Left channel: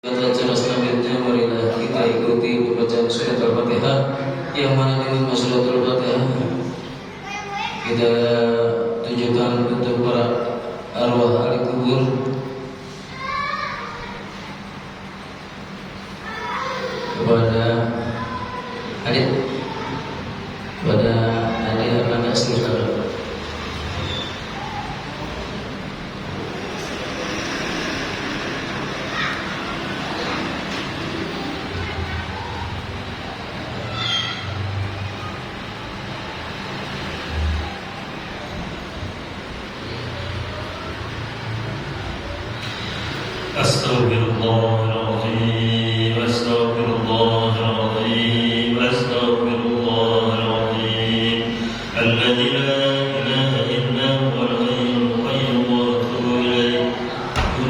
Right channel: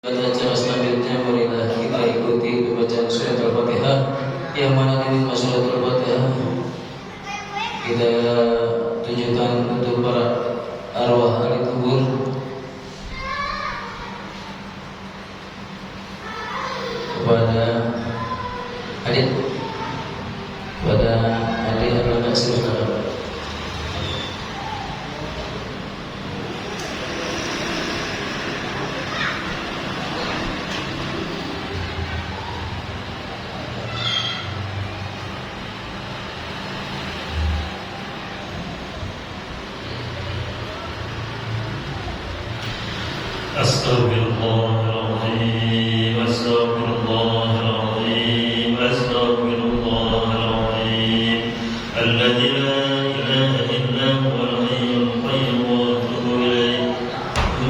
Baca selanjutnya marilah kita ikuti pembacaan surat Al-Fatihah, yang mana ini surat Al-Fatihah kita tunjukkan untuk para arwah ahli kubur, kepada adik anak saudara. Astaghfirullahaladzim, astaghfirullahaladzim, astaghfirullahaladzim. Alladzi la ilaha illa huwal hayyul qayyum wa atubu ilaih.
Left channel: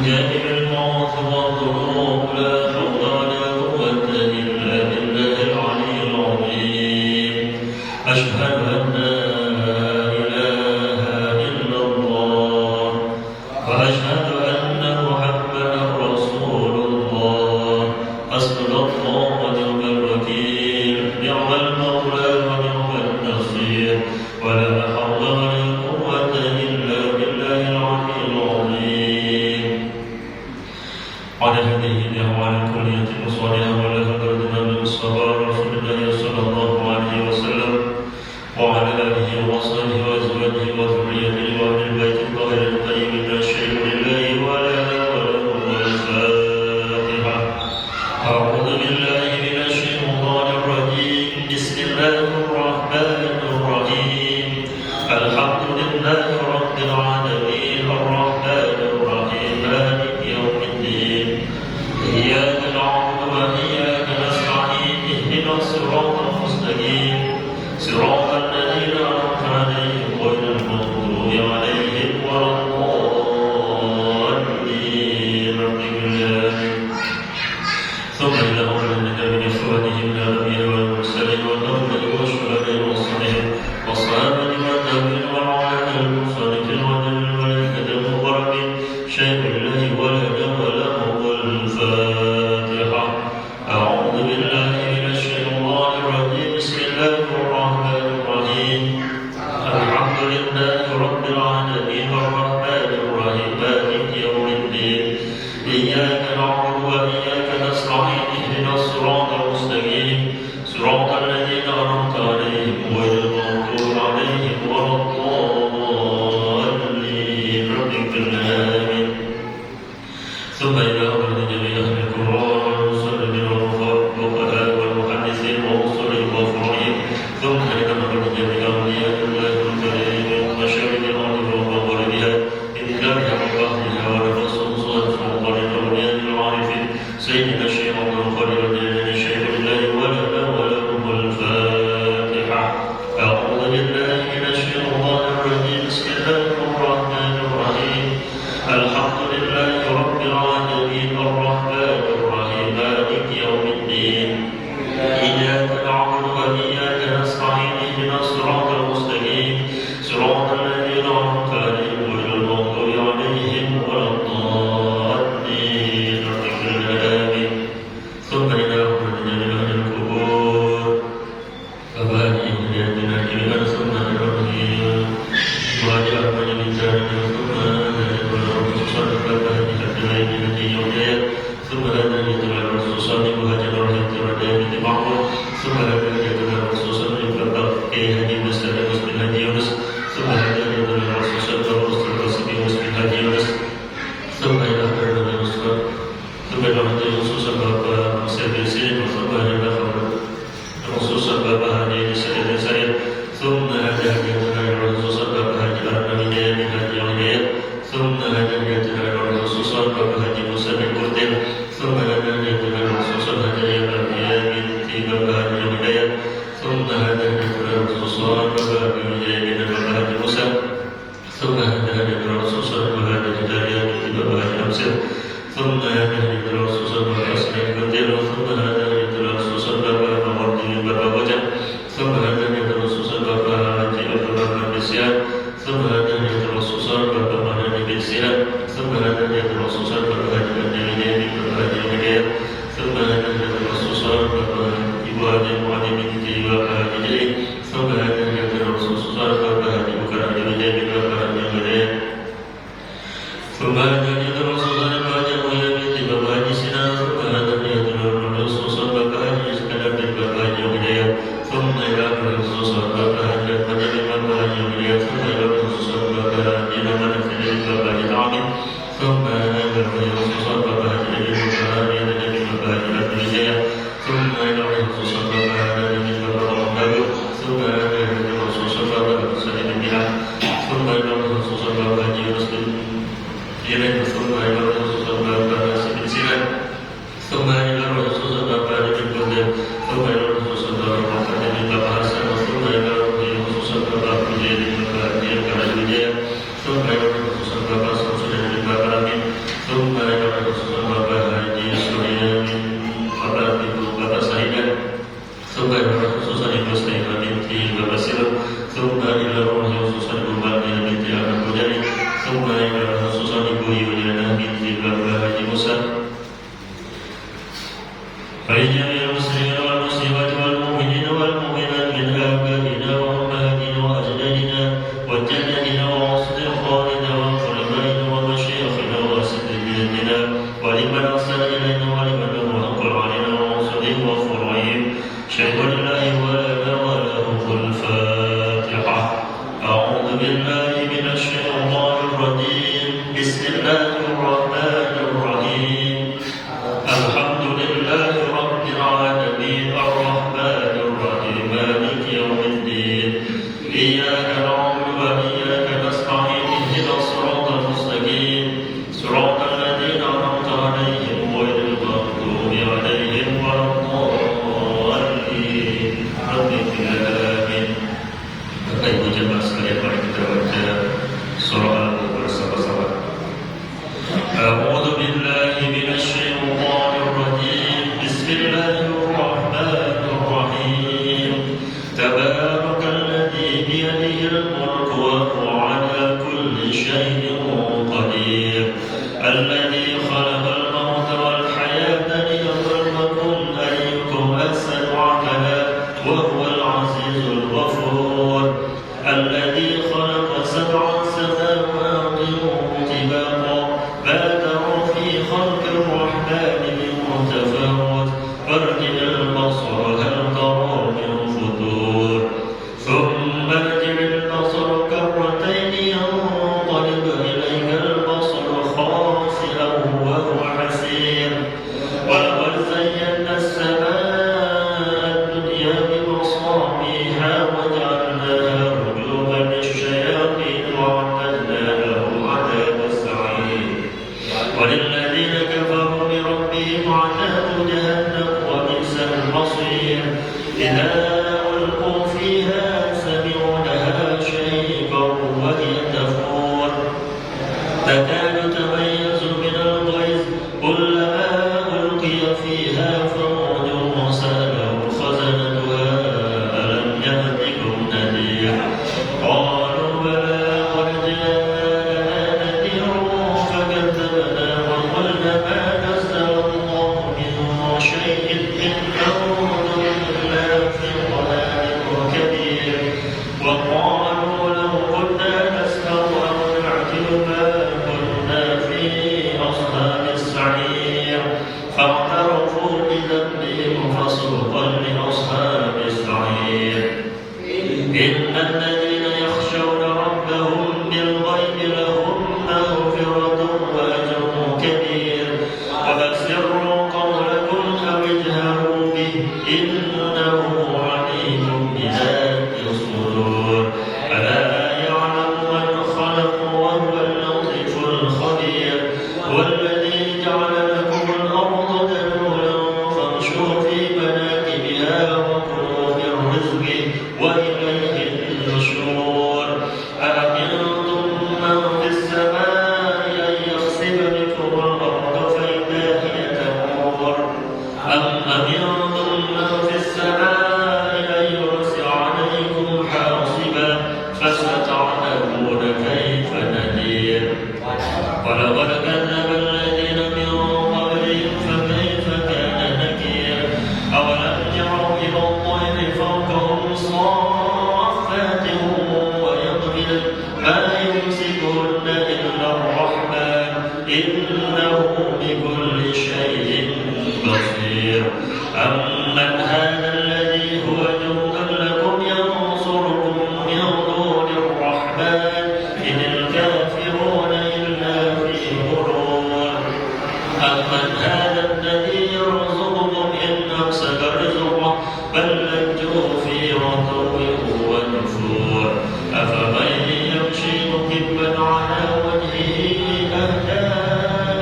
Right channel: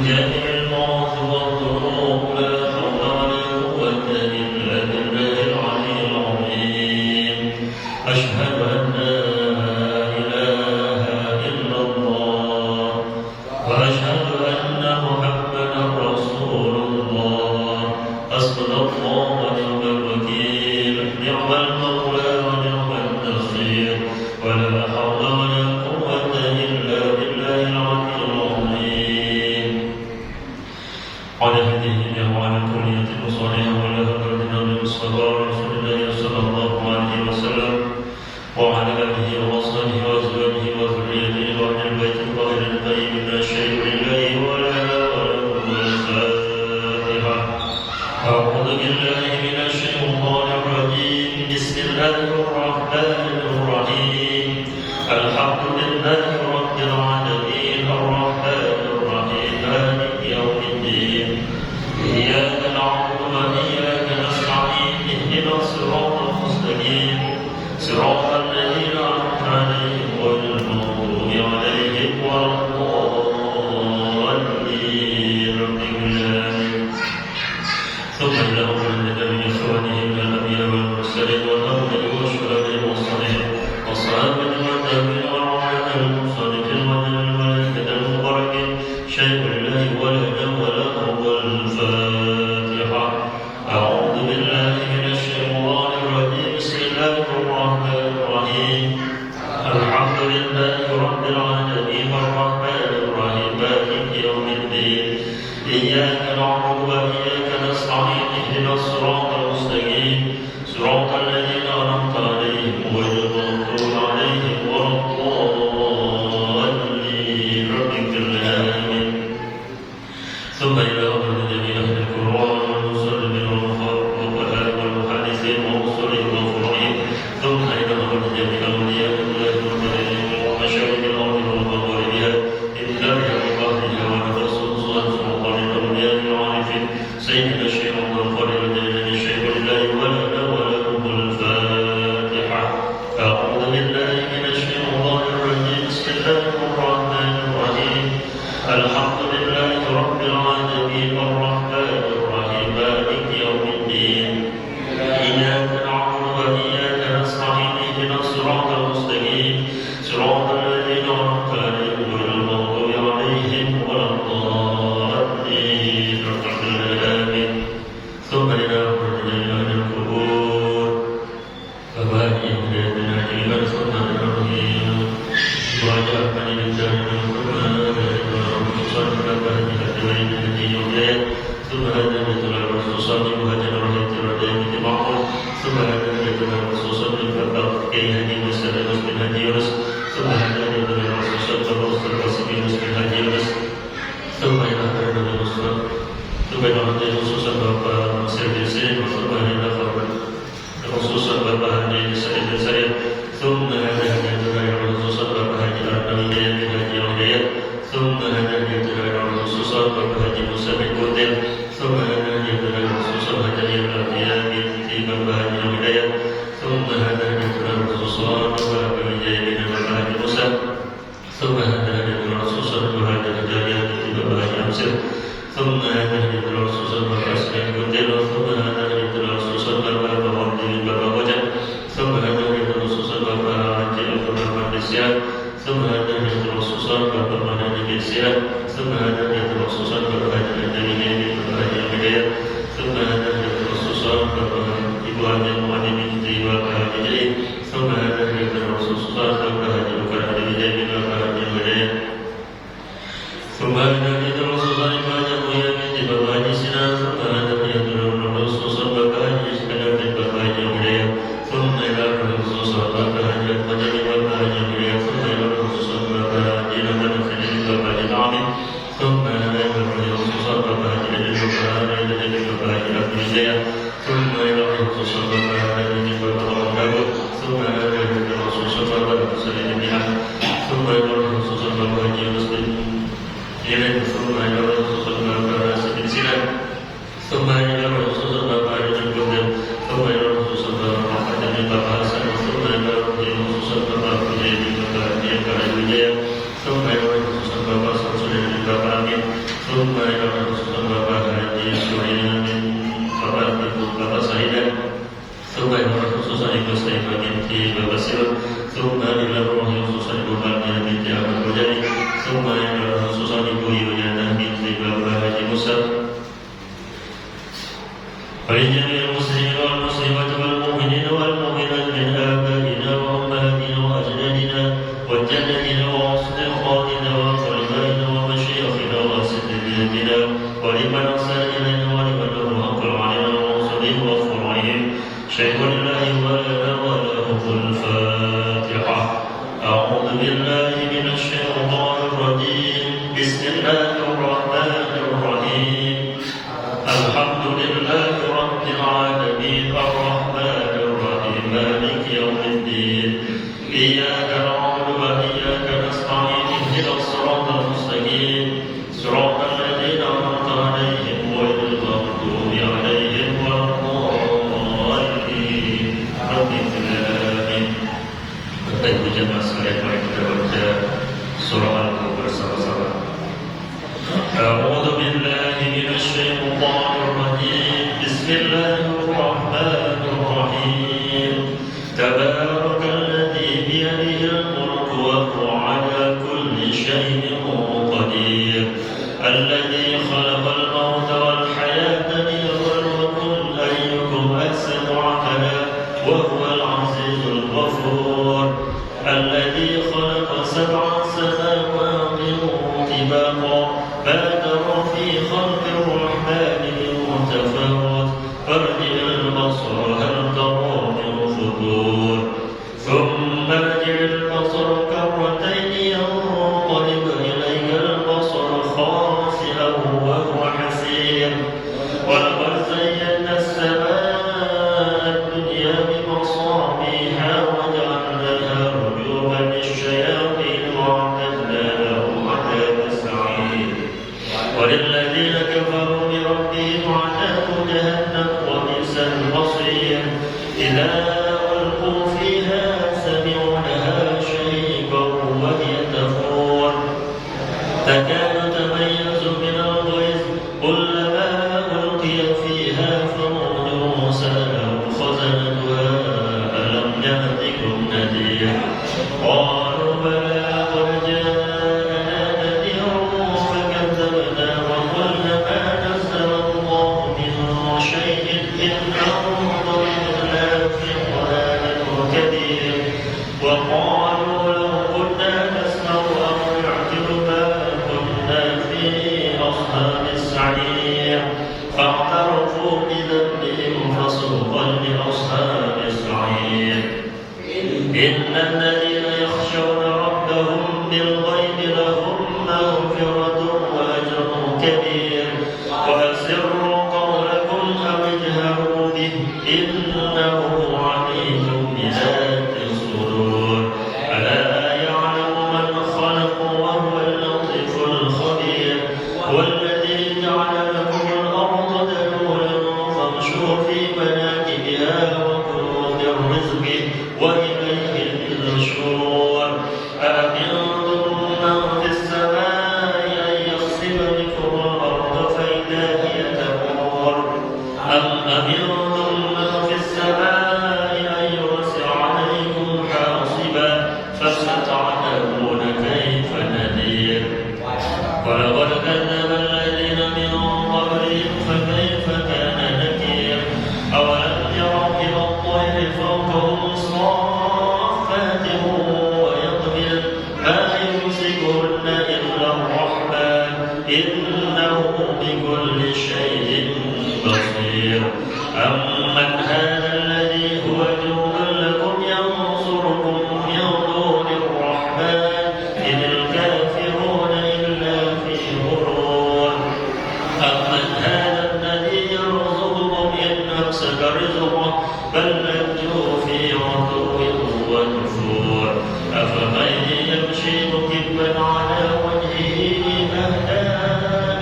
Jami'ul ma'asi wa dhurur, la hawla wa la quwwata illa billahil aliyyil azim. Ashhadu an la ilaha illallah wa ashhadu anna Muhammadan Rasulullah. Hasbunallahu wa ni'mal wakeel, ni'mal mawla wa ni'mal nasir, wa la hawla wa la quwwata illa billahil aliyyil azim. Ala hadhihi wa ala kulliyati musaliha wa ala hadratina al-mustafa Rasulullah sallallahu alaihi wasallam wa ala alihi wa sahbihi wa azwajihi wa dhurriyyatihi wa ahli baiti al-tahirin at-tayyibin ash-shahidin lillahi wa la أعوذ بالله من الشيطان الرجيم. بسم الله الرحمن الرحيم. الحمد لله رب العالمين الرحمن الرحيم مالك يوم الدين. إياك نعبد وإياك نستعين. اهدنا الصراط المستقيم صراط الذين أنعمت عليهم غير المغضوب عليهم ولا الضالين. ثم إلى أولئك من إخوانهم من الأنبياء والمرسلين والأولياء والشهداء والصالحين والصحابة والتابعين والعلماء والمصلين والملائكة المقربين. شهد لله ولا ولا الفاتحة. أعوذ بالله من الشيطان الرجيم. بسم الله الرحمن الرحيم. الحمد لله رب العالمين الرحمن الرحيم مالك يوم الدين. إياك نعبد وإياك نستعين. اهدنا الصراط المستقيم صراط الذين أنعمت عليهم غير المغضوب عليهم ولا الضالين. رب اغفر لنا آمين. ثم إلى أولئك من أهل القرآن والمصلين والفقهاء والمحدثين والمصلين والفقهاء. ثم إلى أولئك من أولياء الله والملائكة ومشايخ الأرض ومغاربها إلا بأهلها ونفسهم صالح وقال الأولياء العارفين سيدنا الشيخ عبد القادر الجيلاني الشيخ لله ولنا ولكم الفاتحة. أعوذ بالله من الشيطان الرجيم. بسم الله الرحمن الرحيم. الحمد لله رب العالمين الرحمن الرحيم مالك يوم الدين. إياك نعبد وإياك نستعين. اهدنا الصراط المستقيم صراط الذين أنعمت عليهم غير المغضوب عليهم ولا الضالين. آمين. ثم إلى أولئك من أهل القبور فوائد هدايتنا جميعا. ثم الرحيم وجعلنا للجنة ثم هذا يتبع الرسول صلى الله عليه وسلم معه. ثم هذا يتبع الرسول صلى الله عليه وسلم كي هدي مسلم مسلم هدي يونس. ثم هذا يتبع الرسول صلى الله عليه وسلم مسلم هدي يونس. ثم إلى خير الرسول ثم إلى هدي الرسول صلى الله عليه وسلم. ثم إلى خير الرسول صلى الله عليه وسلم. ثم هذا يتبع الرسول صلى الله عليه وسلم. ثم هذا يتبع الرسول صلى الله عليه وسلم مسلم كردين. ثم هذا يتبع الرسول صلى الله عليه وسلم في بابها الولاية. ثم هذا يتبع الرسول صلى الله عليه وسلم موسى. ثم هذا يتبع الرسول صلى الله عليه وسلم في بابها الأمسر. ثم هذا يتبع الرسول صلى الله عليه وسلم. ثم هذا وإليه النشور أأمنتم بصير أمن هذا الذي هو جند لكم ينصركم من دون الرحمن إن الكافرون إلا في غرور أمن هذا الذي يرزقكم إن أمسك رزقه بل لجوا في عتو ونفور أفمن يمشي مكبا على وجهه أهدى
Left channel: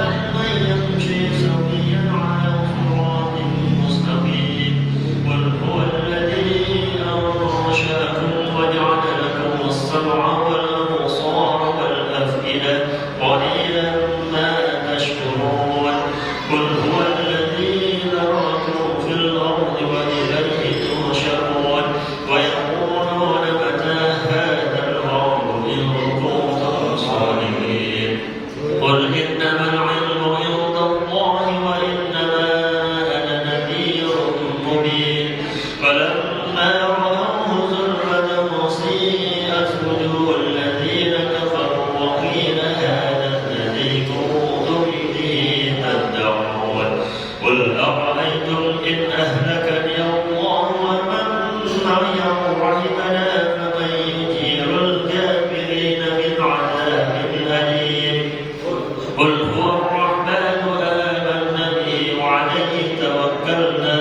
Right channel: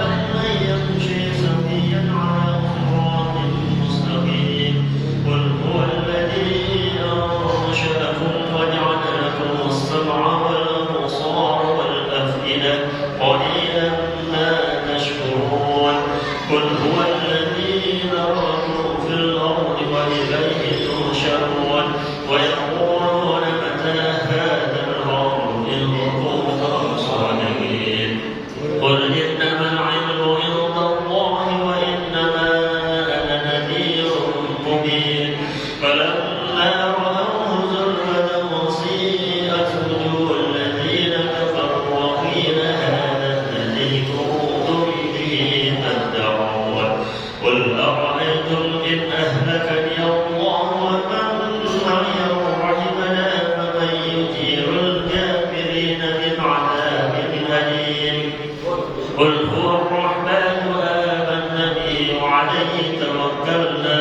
أمن يمشي سويا على صراط مستقيم قل هو الذي أنشأكم وجعل لكم السمع والأبصار والأفئدة قليلا ما تشكرون قل هو الذي ذرأكم في الأرض وإليه تحشرون ويقولون متى هذا الأمر إن كنتم صادقين قل إنما العلم عند الله وإنما أنا نذير مبين فلما رأوه زلفة سيئت وجوه الذين كفروا وقيل هذا الذي كنتم به تدعون قل أرأيتم إن أهلكني الله ومن معي ورحمنا فمن يجير الكافرين من عذاب أليم قل هو الرحمن آمنا به وعليه توكلنا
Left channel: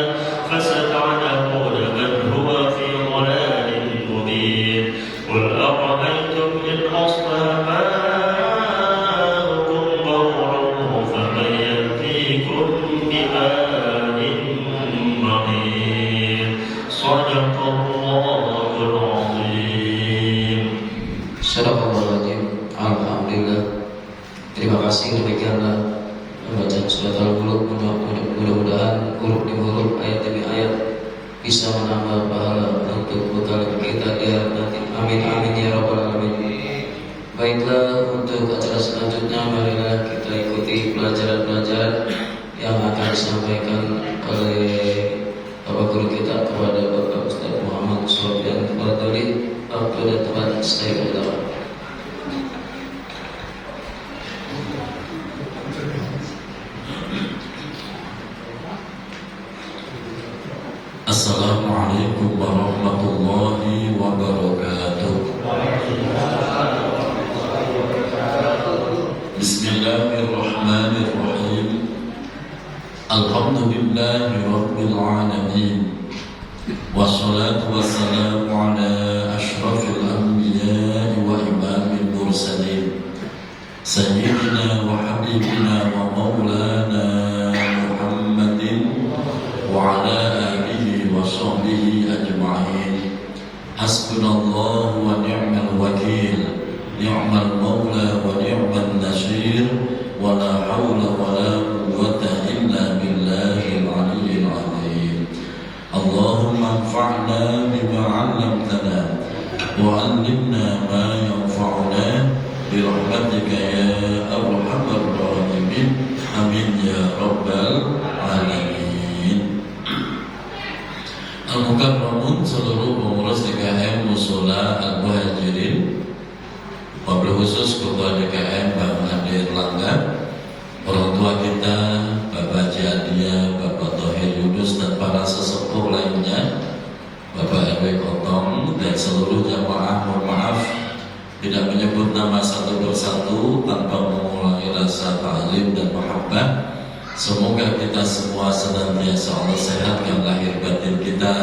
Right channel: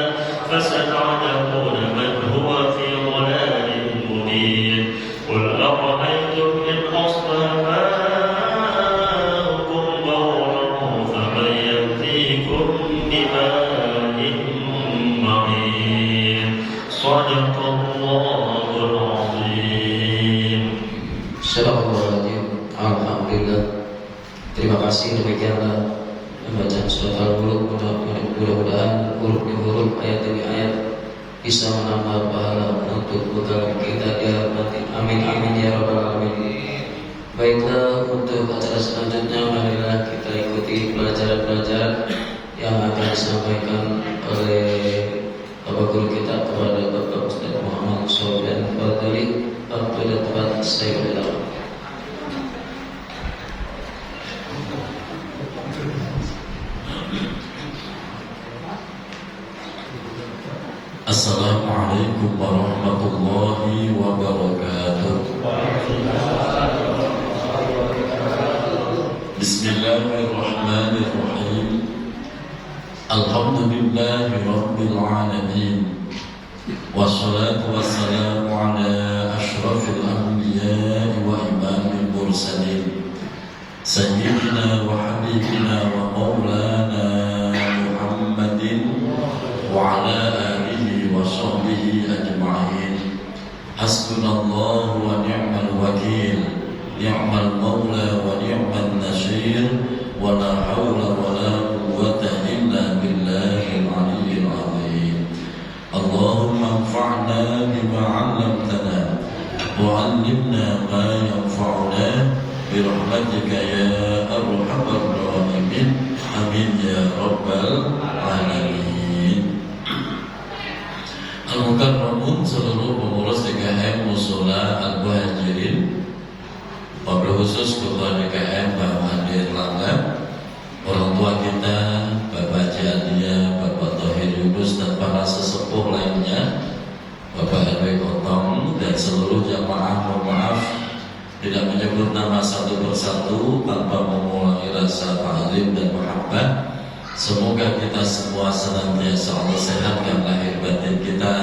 فستعلمون من هو في ضلال مبين قل أرأيتم إن أصبح ماؤكم غورا فمن يأتيكم بماء معين صدق الله العظيم. Astagfirullahaladzim. Alhamdulillah. Terima kasih demikianlah pembacaan surat Al-Mulk. Mudah-mudahan huruf demi huruf, ayat demi ayat bisa menambah pahala untuk bekal kita di akhirat nanti. Amin amin ya rabbal alamin. Baiklah, untuk acara selanjutnya marilah kita ikuti pelajaran-pelajaran yang akan disampaikan oleh Bapak Guru kita kepada Bapak Ustaz Muhammad Sofyan Fadli. Waktu dan tempat saya beritahu. Assalamualaikum warahmatullahi wabarakatuh. Bismillahirrahmanirrahim. Alhamdulillahi rabbil alamin. Wassalatu wassalamu ala ashrafil anbiya'i wa imamil mursalin Sayyidina wa habibina wa maulana Muhammadin wa ala alihi wa sahbihi ajma'in. Hasbunallahu wa ni'mal wakil, ni'mal maula wa ni'mal nasir, wa la hawla wa la quwwata illa billahil aliyyil azim. Allahumma anfa'na bima 'allamtana wa 'allimna ma yanfa'una bi rahmatika ya arhamar rahimin. Amin ya rabbal alamin. Al-Mukarramun, seluruh pengurus DKM Mushola Al-Muhajirin, wabil khusus Ketua DKM Bapak Andi Erlangga, orang tua kita Bapak Ciadia, Bapak Thohir Yunus, dan para sesepuh lainnya, Bapak RW Kotong, dan seluruh jamaah. Mohon maaf tidak menyebut nama satu persatu tanpa mengulangi rasa ta'lim dan mahabbah. Semoga kita semua senantiasa Allah sehatkan lahir batin kita,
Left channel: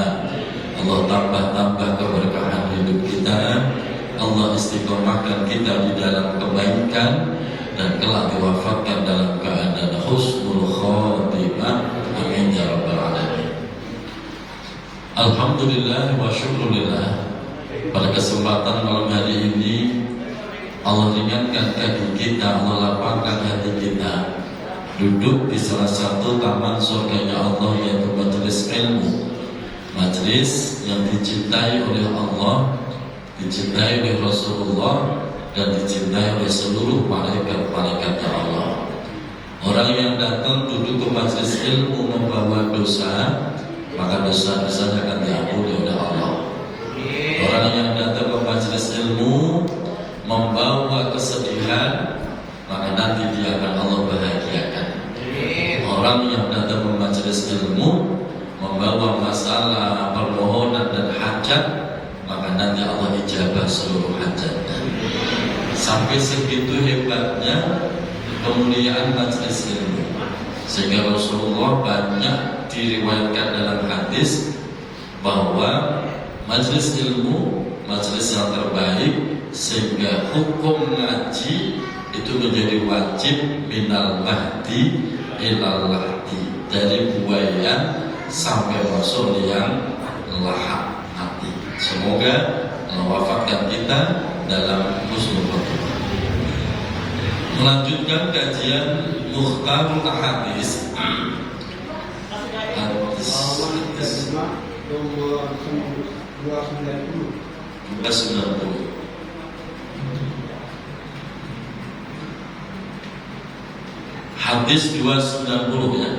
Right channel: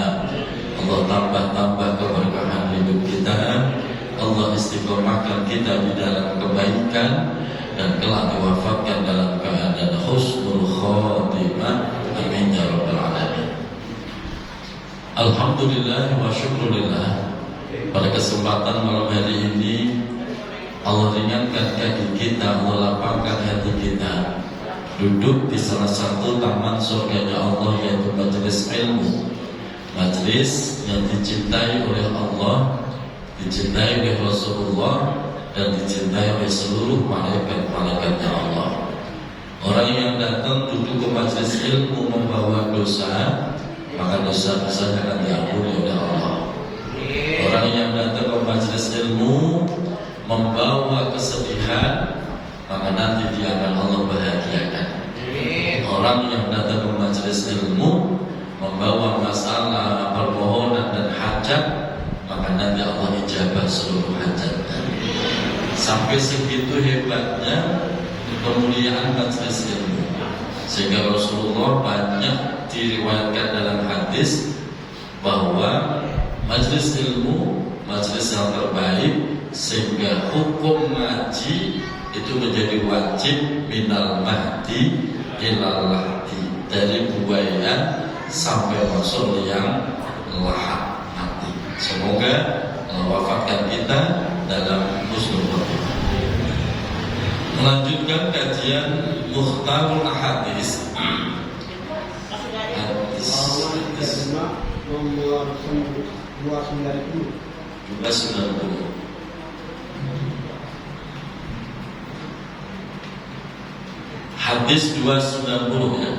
Allah tambah-tambah keberkahan hidup kita, Allah istiqomahkan kita di dalam kebaikan, dan kelak diwafatkan dalam keadaan husnul khotimah. Amin ya rabbal alamin. Alhamdulillah wa syukurillah. Pada kesempatan malam hari ini Allah ringankan kaki kita, Allah lapangkan hati kita, duduk di salah satu taman surganya Allah, yaitu majelis ilmu, majelis yang dicintai oleh Allah, dicintai oleh Rasulullah, dan dicintai oleh seluruh malaikat-malaikatnya Allah. Orang yang datang duduk ke majelis ilmu membawa dosa, maka dosa-dosanya akan diampuni oleh Allah. Orang yang datang ke majelis ilmu membawa kesedihan, maka nanti dia akan Allah bahagiakan. Orang yang datang ke majelis ilmu membawa masalah, permohonan dan hajat, maka nanti Allah ijabah seluruh hajatnya. Sampai segitu hebatnya kemuliaan majelis ilmu, sehingga Rasulullah banyak diriwayatkan dalam hadis bahwa majelis ilmu majelis yang terbaik, sehingga hukum ngaji itu menjadi wajib minal mahdi ilal lahdi, dari buayan sampai rasul yang lahap mati. Semoga wafatkan kita dalam husnul khotimah. Melanjutkan kajian Mukhtarul Hadis. Nomor 290. Hadis 290 ya.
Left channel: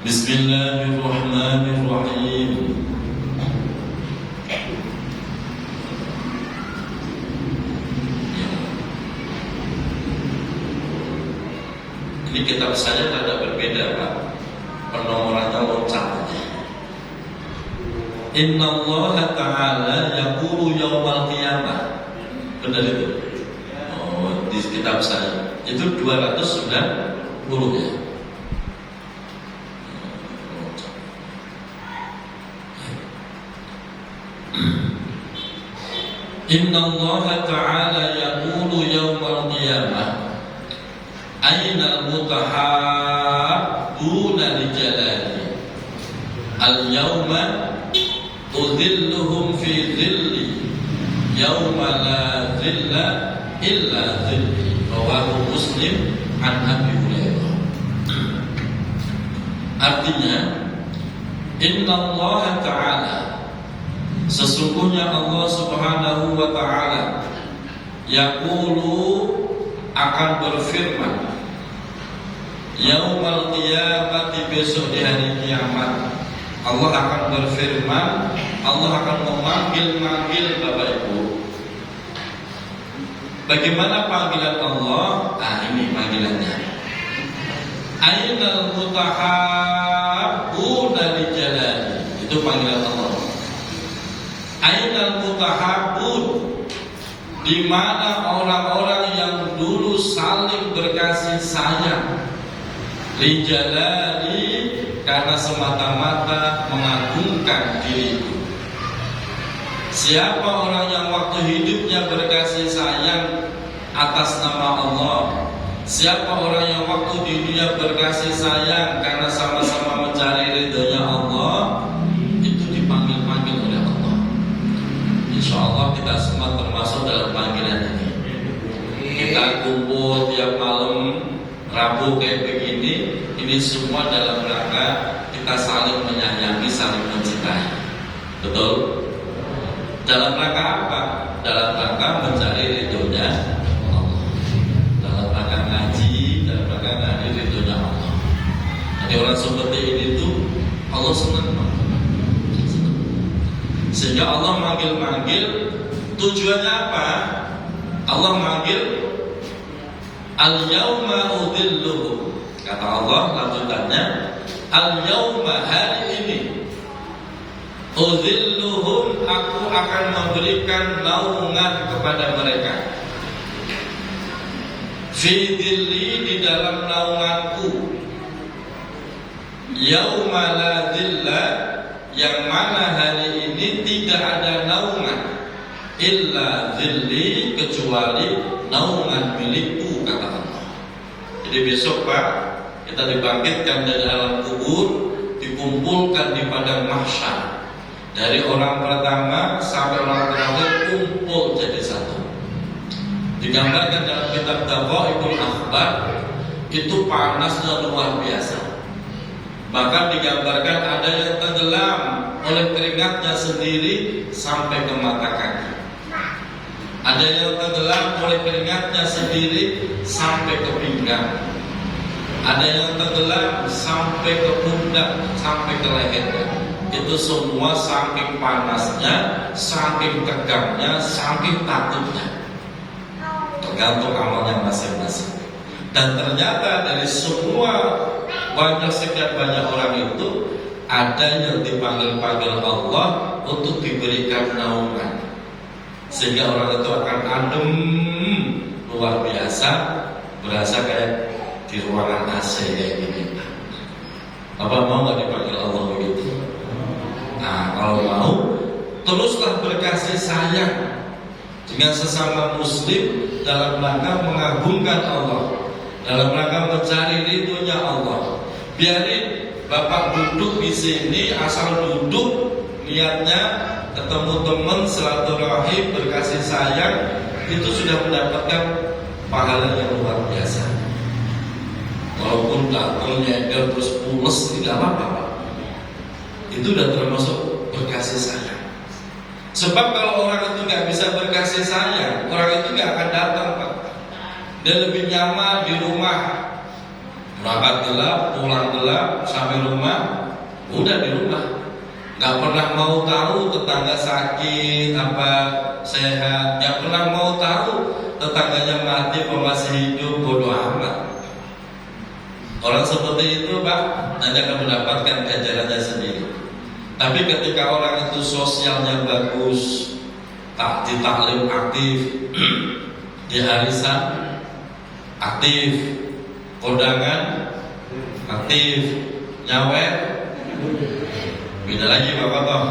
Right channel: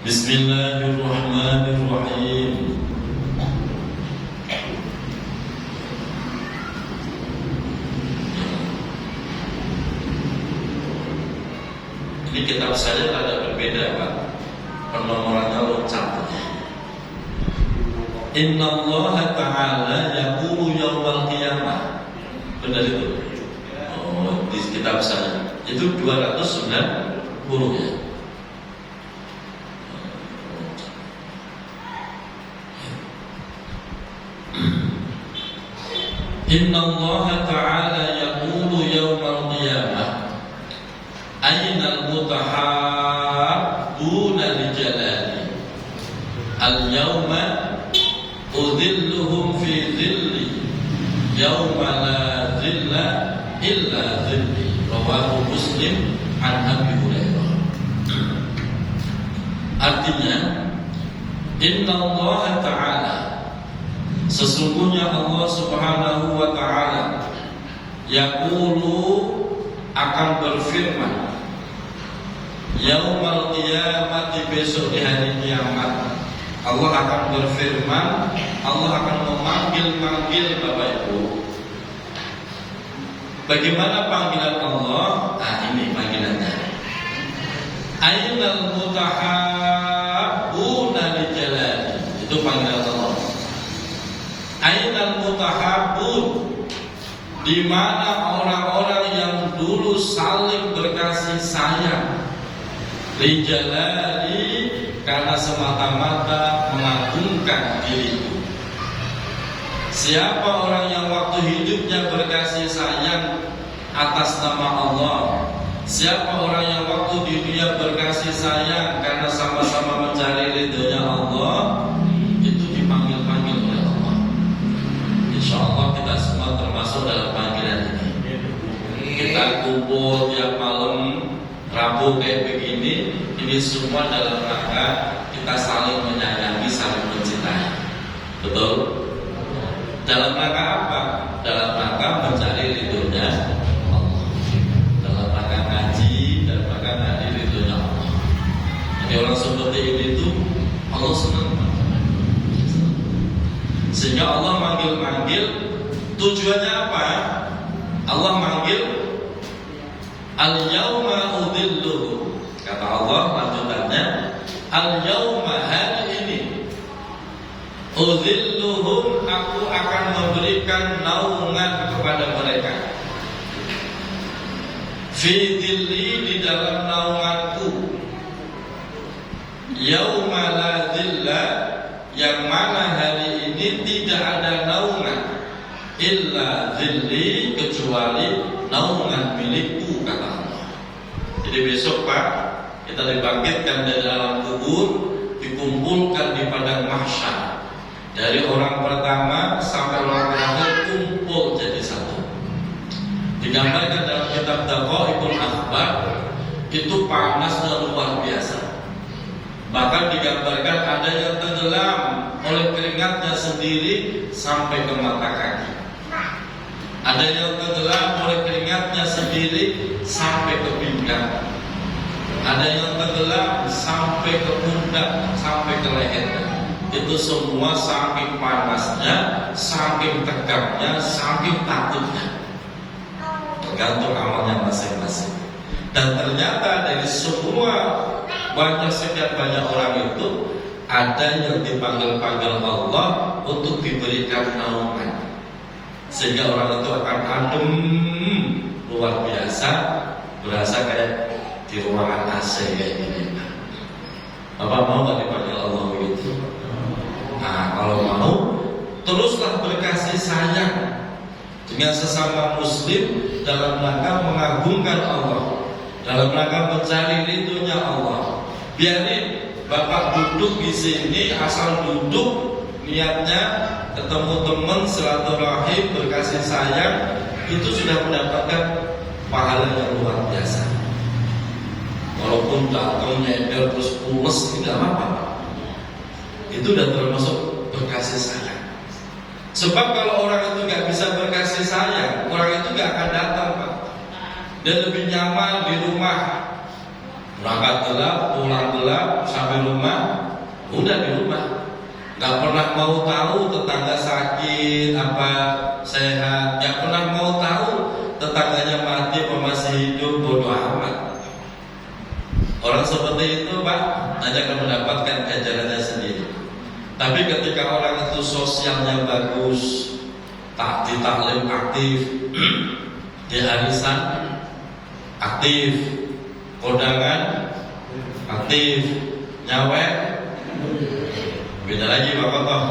Bismillahirrahmanirrahim. Ini kitab saya ada berbeda Pak, penomorannya loncat. Inna Allah Ta'ala yaqulu yawmal qiyamah. Benar itu? Oh, di kitab saya itu 290 ya. Inna Allah Ta'ala yaqulu yawmal qiyamah Ainal mutahabbuna li jalali al-yawma udhilluhum fi dhilli yawma la dhilla illa dhilli. Rawahu Muslim an Abi Hurairah. Artinya, Inna Allah Ta'ala, sesungguhnya Allah Subhanahu wa Ta'ala yaqulu, akan berfirman, yaumal qiyamati, besok di hari kiamat. Allah akan berfirman, Allah akan memanggil-manggil Bapak Ibu. Bagaimana panggilan Allah? Ini panggilannya. Ainal mutahabbuna li jalali. Itu panggilan Allah. Ainal mutahabbun, di mana orang-orang yang dulu saling berkasih sayang, li jalali, karena semata-mata mengagungkan diriku. Siapa orang yang waktu hidupnya berkasih sayang atas nama Allah? Siapa orang yang waktu di dunia berkasih sayang karena sama-sama mencari ridhonya Allah? Itu dipanggil-panggil oleh Allah. Insya Allah kita semua termasuk dalam panggilan ini. Kita kumpul tiap malam Rabu kayak begini, ini semua dalam rangka kita saling menyayangi, saling mencintai. Betul? Dalam rangka apa? Dalam rangka mencari ridhonya Allah. Dalam rangka ngaji, dalam rangka ngaji ridhonya Allah. Jadi orang seperti ini itu Allah senang. Sehingga Allah manggil-manggil, tujuannya apa? Allah manggil, al-yawma udhilluhum. Kata Allah lanjutannya, al-yawma, hari ini, udhilluhum, aku akan memberikan naungan kepada mereka. Fi dhilli, di dalam naunganku. Yawma la dhilla, yang mana hari ini tidak ada naungan, illa dhilli, kecuali naungan milikku, kata Allah. Jadi besok Pak, kita dibangkitkan dari alam kubur, dikumpulkan di padang mahsyar. Dari orang pertama sampai orang terakhir kumpul jadi satu. Digambarkan dalam kitab Daqaiqul Akhbar, itu panasnya luar biasa. Bahkan digambarkan ada yang tenggelam oleh keringatnya sendiri sampai ke mata kaki. Ada yang tenggelam oleh keringatnya sendiri sampai ke pinggang. Ada yang tenggelam sampai ke pundak, sampai ke lehernya. Itu semua saking panasnya, saking tegangnya, saking takutnya. Tergantung amalnya masing-masing. Dan ternyata dari semua sekian banyak orang itu ada yang dipanggil-panggil Allah untuk diberikan naungan, sehingga orang itu akan adem luar biasa, berasa kayak di ruangan AC kayak gini. Bapak mau nggak dipanggil Allah begitu? Nah, kalau mau, teruslah berkasih sayang dengan sesama muslim dalam rangka mengagungkan Allah, dalam rangka mencari ridhonya Allah. Biarin Bapak duduk di sini, asal duduk niatnya ketemu teman, silaturahim, berkasih sayang, itu sudah mendapatkan pahala yang luar biasa. Walaupun datang nyender terus pules, tidak apa-apa. Itu sudah termasuk berkasih sayang. Sebab kalau orang itu nggak bisa berkasih sayang, orang itu nggak akan datang, Pak. Dia lebih nyaman di rumah, berangkat gelap, pulang gelap, sampai rumah udah di rumah, nggak pernah mau tahu tetangga sakit apa sehat, nggak pernah mau tahu tetangganya mati apa masih hidup, bodoh amat. Orang seperti itu, Pak, hanya akan mendapatkan ganjarannya sendiri. Tapi ketika orang itu sosialnya bagus, tak di taklim aktif, di arisan aktif, kondangan aktif, nyawet beda lagi Bapak toh.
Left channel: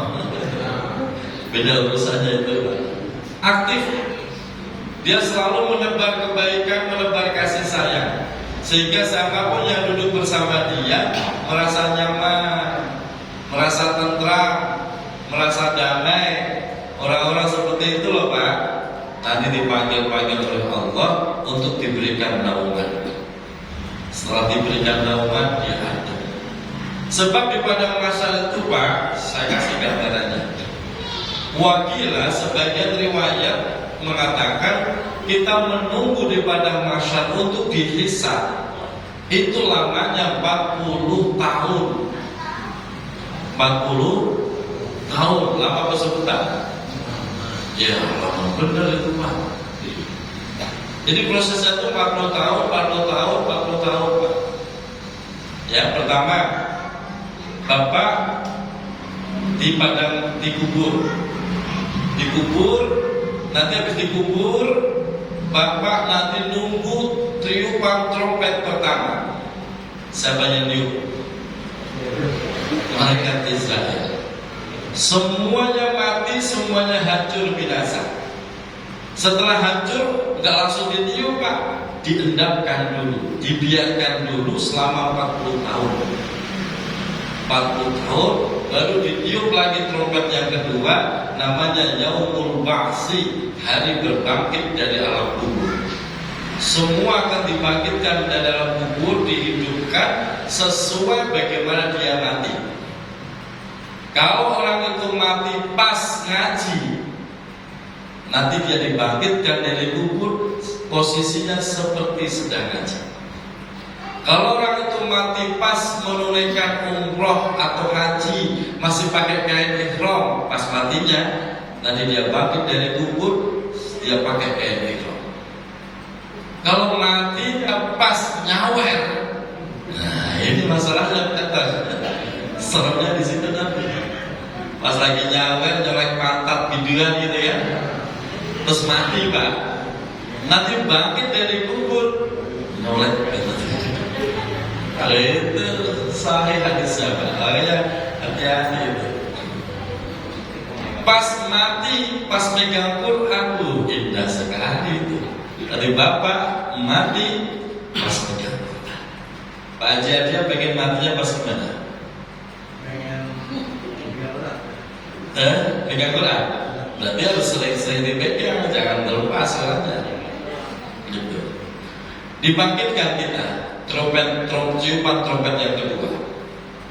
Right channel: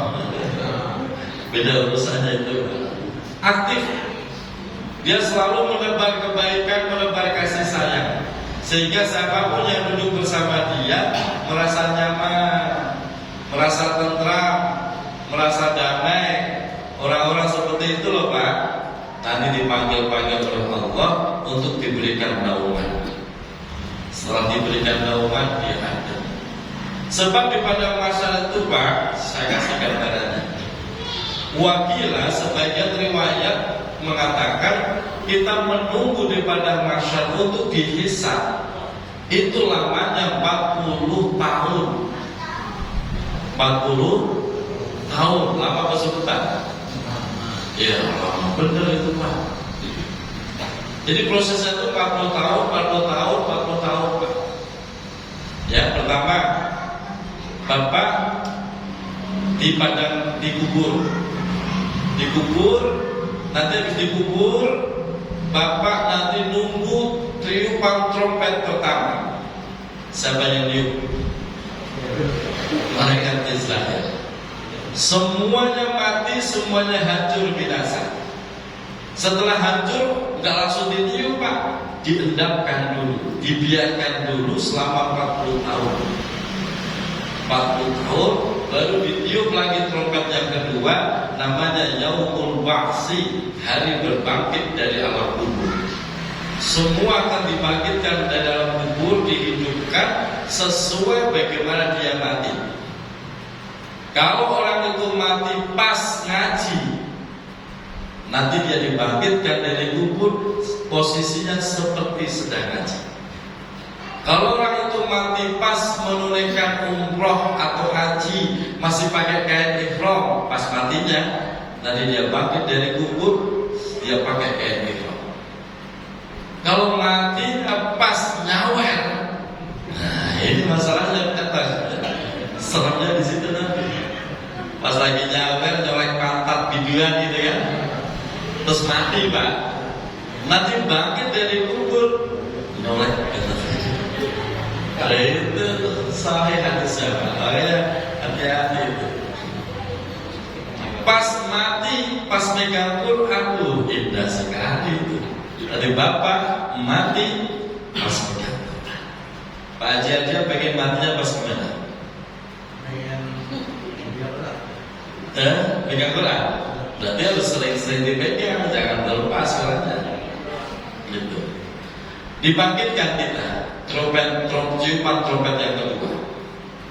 Beda urusannya itu, aktif. Dia selalu menebar kebaikan, menebar kasih sayang, sehingga siapapun yang duduk bersama dia merasa nyaman, merasa tentram, merasa damai. Orang-orang seperti itu loh, Pak, tadi dipanggil-panggil oleh Allah untuk diberikan naungan. Setelah diberikan naungan, dia ada. Sebab di padang mahsyar itu, Pak, saya kasih gambarannya. Wakilah sebagian riwayat mengatakan kita menunggu di padang mahsyar untuk dihisab. Itu lamanya 40 tahun. 40 tahun, lama apa sebentar? Ya, benar itu, Pak. Jadi prosesnya itu 40 tahun, 40 tahun, 40 tahun, Pak. Ya, pertama, Bapak dikubur, nanti habis dikubur, Bapak nanti nunggu tiupan trompet pertama. Siapa yang niup? Malaikat Israel. Semuanya mati, semuanya hancur binasa. Setelah hancur, nggak langsung ditiup, Pak, diendapkan dulu, dibiarkan dulu selama 40 tahun. 40 tahun baru ditiup lagi trompet yang kedua, namanya Yaumul Ba'si, hari berbangkit dari alam kubur. Semua akan dibangkitkan dari dalam kubur, dihidupkan sesuai bagaimana dia mati. Kalau orang itu mati pas ngaji, nanti dia dibangkitkan dari kubur, posisinya seperti sedang ngaji. Kalau orang itu mati pas menunaikan umroh atau haji, masih pakai kain ihram, pas matinya, nanti dia bangkit dari kubur, dia pakai kain ihram. Kalau matinya pas nyawer, nah ini masalahnya, seremnya di situ nanti. Pas lagi nyawer, nyolek pantat biduan gitu ya, terus mati, Pak. Nanti bangkit dari kubur, nyolek ada itu sahih hadisnya, Pak. Ya, hati-hati itu. Pas mati, pas megang Quran, indah sekali itu. Tadi Bapak mati pas megang Quran. Pak Haji aja pengen matinya pas mana? Pegang Quran. Berarti harus sering-sering dipegang, jangan terlepas karena gitu. Dibangkitkan kita, ciuman trompet yang kedua.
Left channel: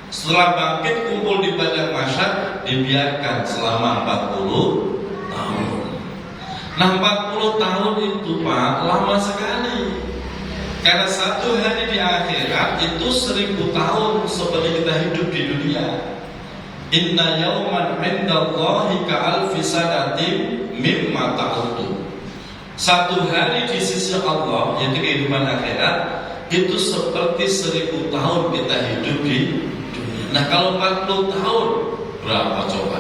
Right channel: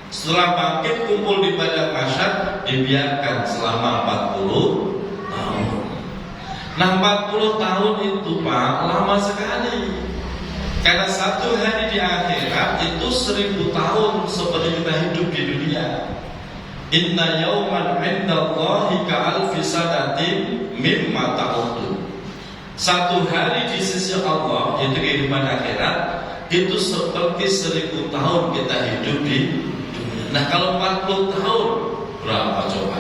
Setelah bangkit, kumpul di padang mahsyar, dibiarkan selama 40 tahun. Nah, 40 tahun itu, Pak, lama sekali. Karena satu hari di akhirat itu 1000 tahun seperti kita hidup di dunia. Inna yawman indallahi ka'alfi sanatin mimma ta'udun. Satu hari di sisi Allah, yaitu kehidupan akhirat, itu seperti 1000 tahun kita hidup di dunia. Nah kalau 40 tahun berapa coba?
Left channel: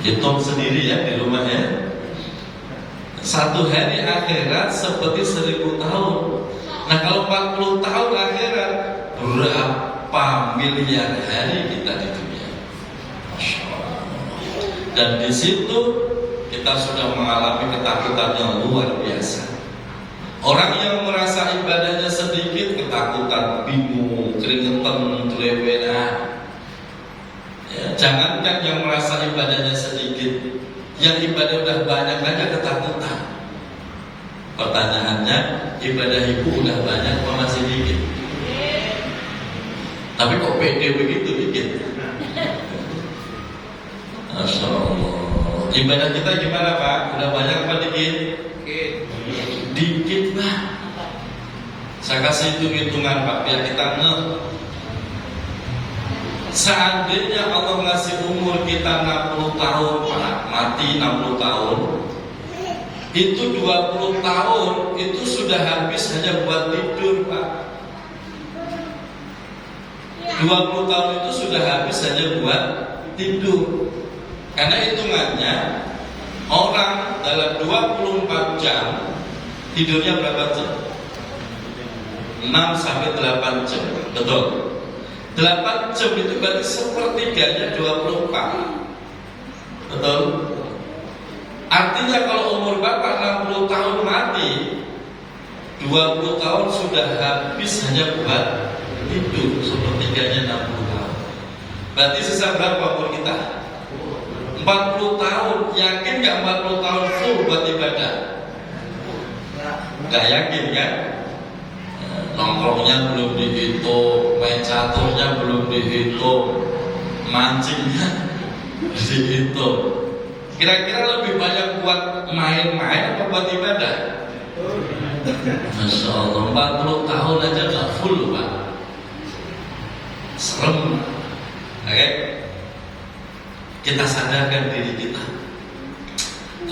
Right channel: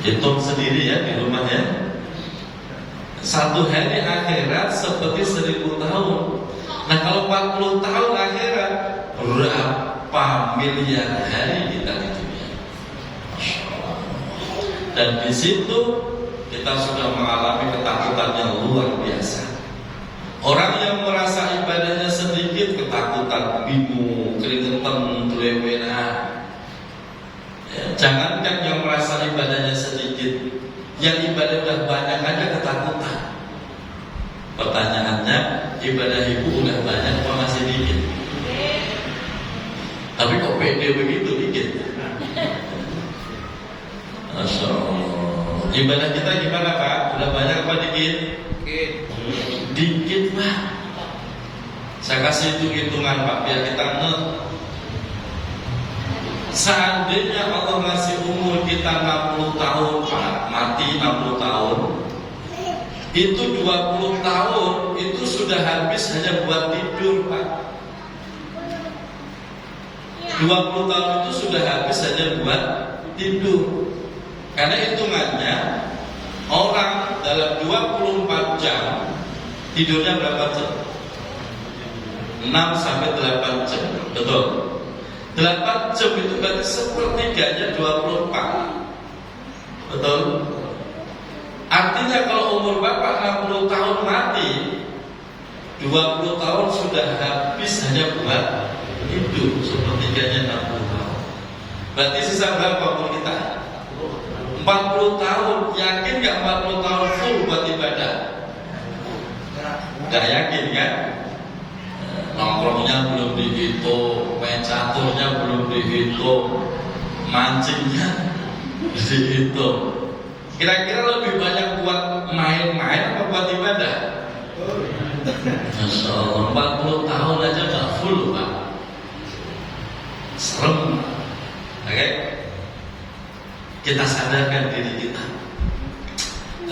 Hitung sendiri ya di rumah ya. Satu hari akhirat seperti 1000 tahun. Nah kalau 40 tahun akhirat, berapa miliar hari kita di dunia? Masya Allah. Dan di situ kita sudah mengalami ketakutan yang luar biasa. Orang yang merasa ibadahnya sedikit, ketakutan, bingung, keringetan, keleweran. Ya, jangankan yang merasa ibadahnya sedikit, yang ibadah udah banyak aja ketakutan. Pertanyaannya, ibadah ibu udah banyak atau masih dikit? Tapi kok pede begitu dikit? Masya Allah. Ibadah kita gimana Pak? Udah banyak apa dikit? Dikit Pak. Saya kasih hitung-hitungan Pak, biar kita ngeh. Seandainya Allah ngasih umur kita 60 tahun Pak, mati 60 tahun, itu 20 tahun itu sudah habis hanya buat tidur Pak. 20 tahun itu sudah habis hanya buat tidur. Karena hitungannya orang dalam 24 jam tidurnya berapa jam? 6 sampai 8 jam. Betul. 8 jam itu berarti sepertiganya 24. Betul. Artinya kalau umur Bapak 60 tahun mati, 20 tahun sudah habis hanya buat hidup, sepertiganya 60 tahun. Berarti sisa berapa umur kita? 40 tahun. Yakin gak 40 tahun full buat ibadah? Gak yakin kan? Nongkrongnya belum dihitung, main caturnya belum dihitung, mancingnya dihitung. Kira-kira lebih banyak buat main-main atau buat ibadah? Masya Allah, 40 tahun aja gak full Pak. Serem. Oke? Kita sadarkan diri kita.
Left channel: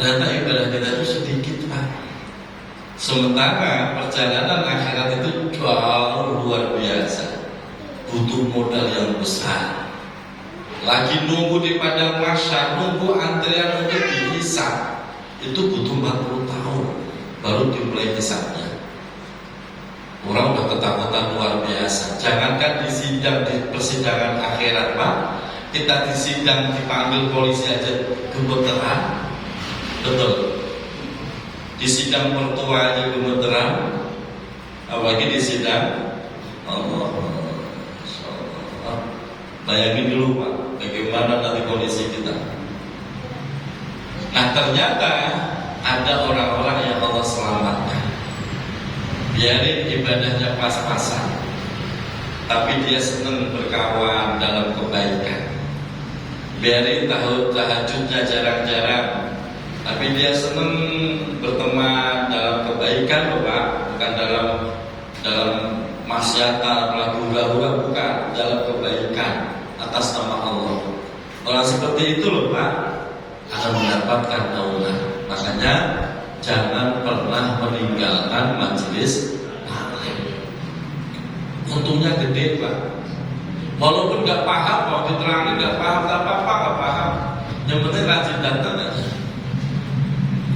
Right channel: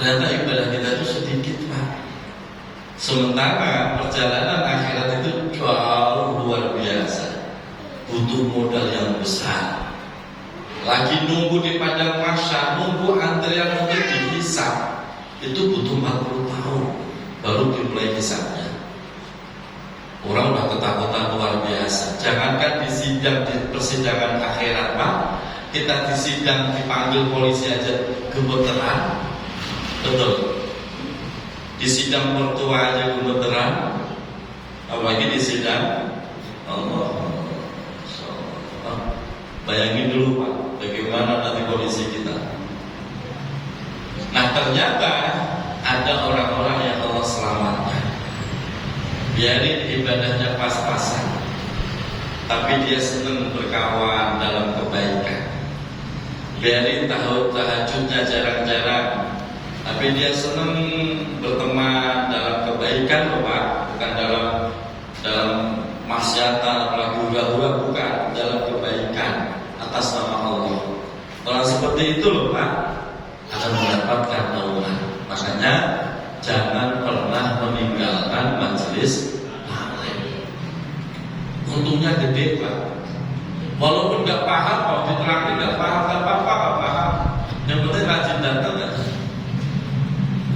Ternyata ibadah kita itu sedikit Pak. Sementara perjalanan akhirat itu jauh luar biasa, butuh modal yang besar. Lagi nunggu di padang mahsyar, nunggu antrian untuk dihisab, itu butuh 40 tahun baru dimulai hisabnya. Orang udah ketakutan luar biasa. Jangankan di sidang, di persidangan akhirat Pak, kita di sidang dipanggil polisi aja gemeteran. Betul. Di sidang mertua aja gemeteran, apalagi di sidang Allah. Bayangin dulu Pak, bagaimana nanti kondisi kita. Nah ternyata ada orang-orang yang Allah selamatkan. Biarin ibadahnya pas-pasan, tapi dia senang berkawan dalam kebaikan. Biarin tahajudnya jarang-jarang, tapi dia senang berteman dalam kebaikan Bapak, bukan dalam maksiatan, lagu hura-hura, bukan, dalam kebaikan atas nama Allah. Kalau seperti itu loh Pak, akan mendapatkan naungan. Makanya jangan pernah meninggalkan majelis taklim. Untungnya gede Pak. Walaupun nggak paham, kalau diterangin nggak paham, nggak apa-apa, nggak paham. Yang penting rajin datang aja.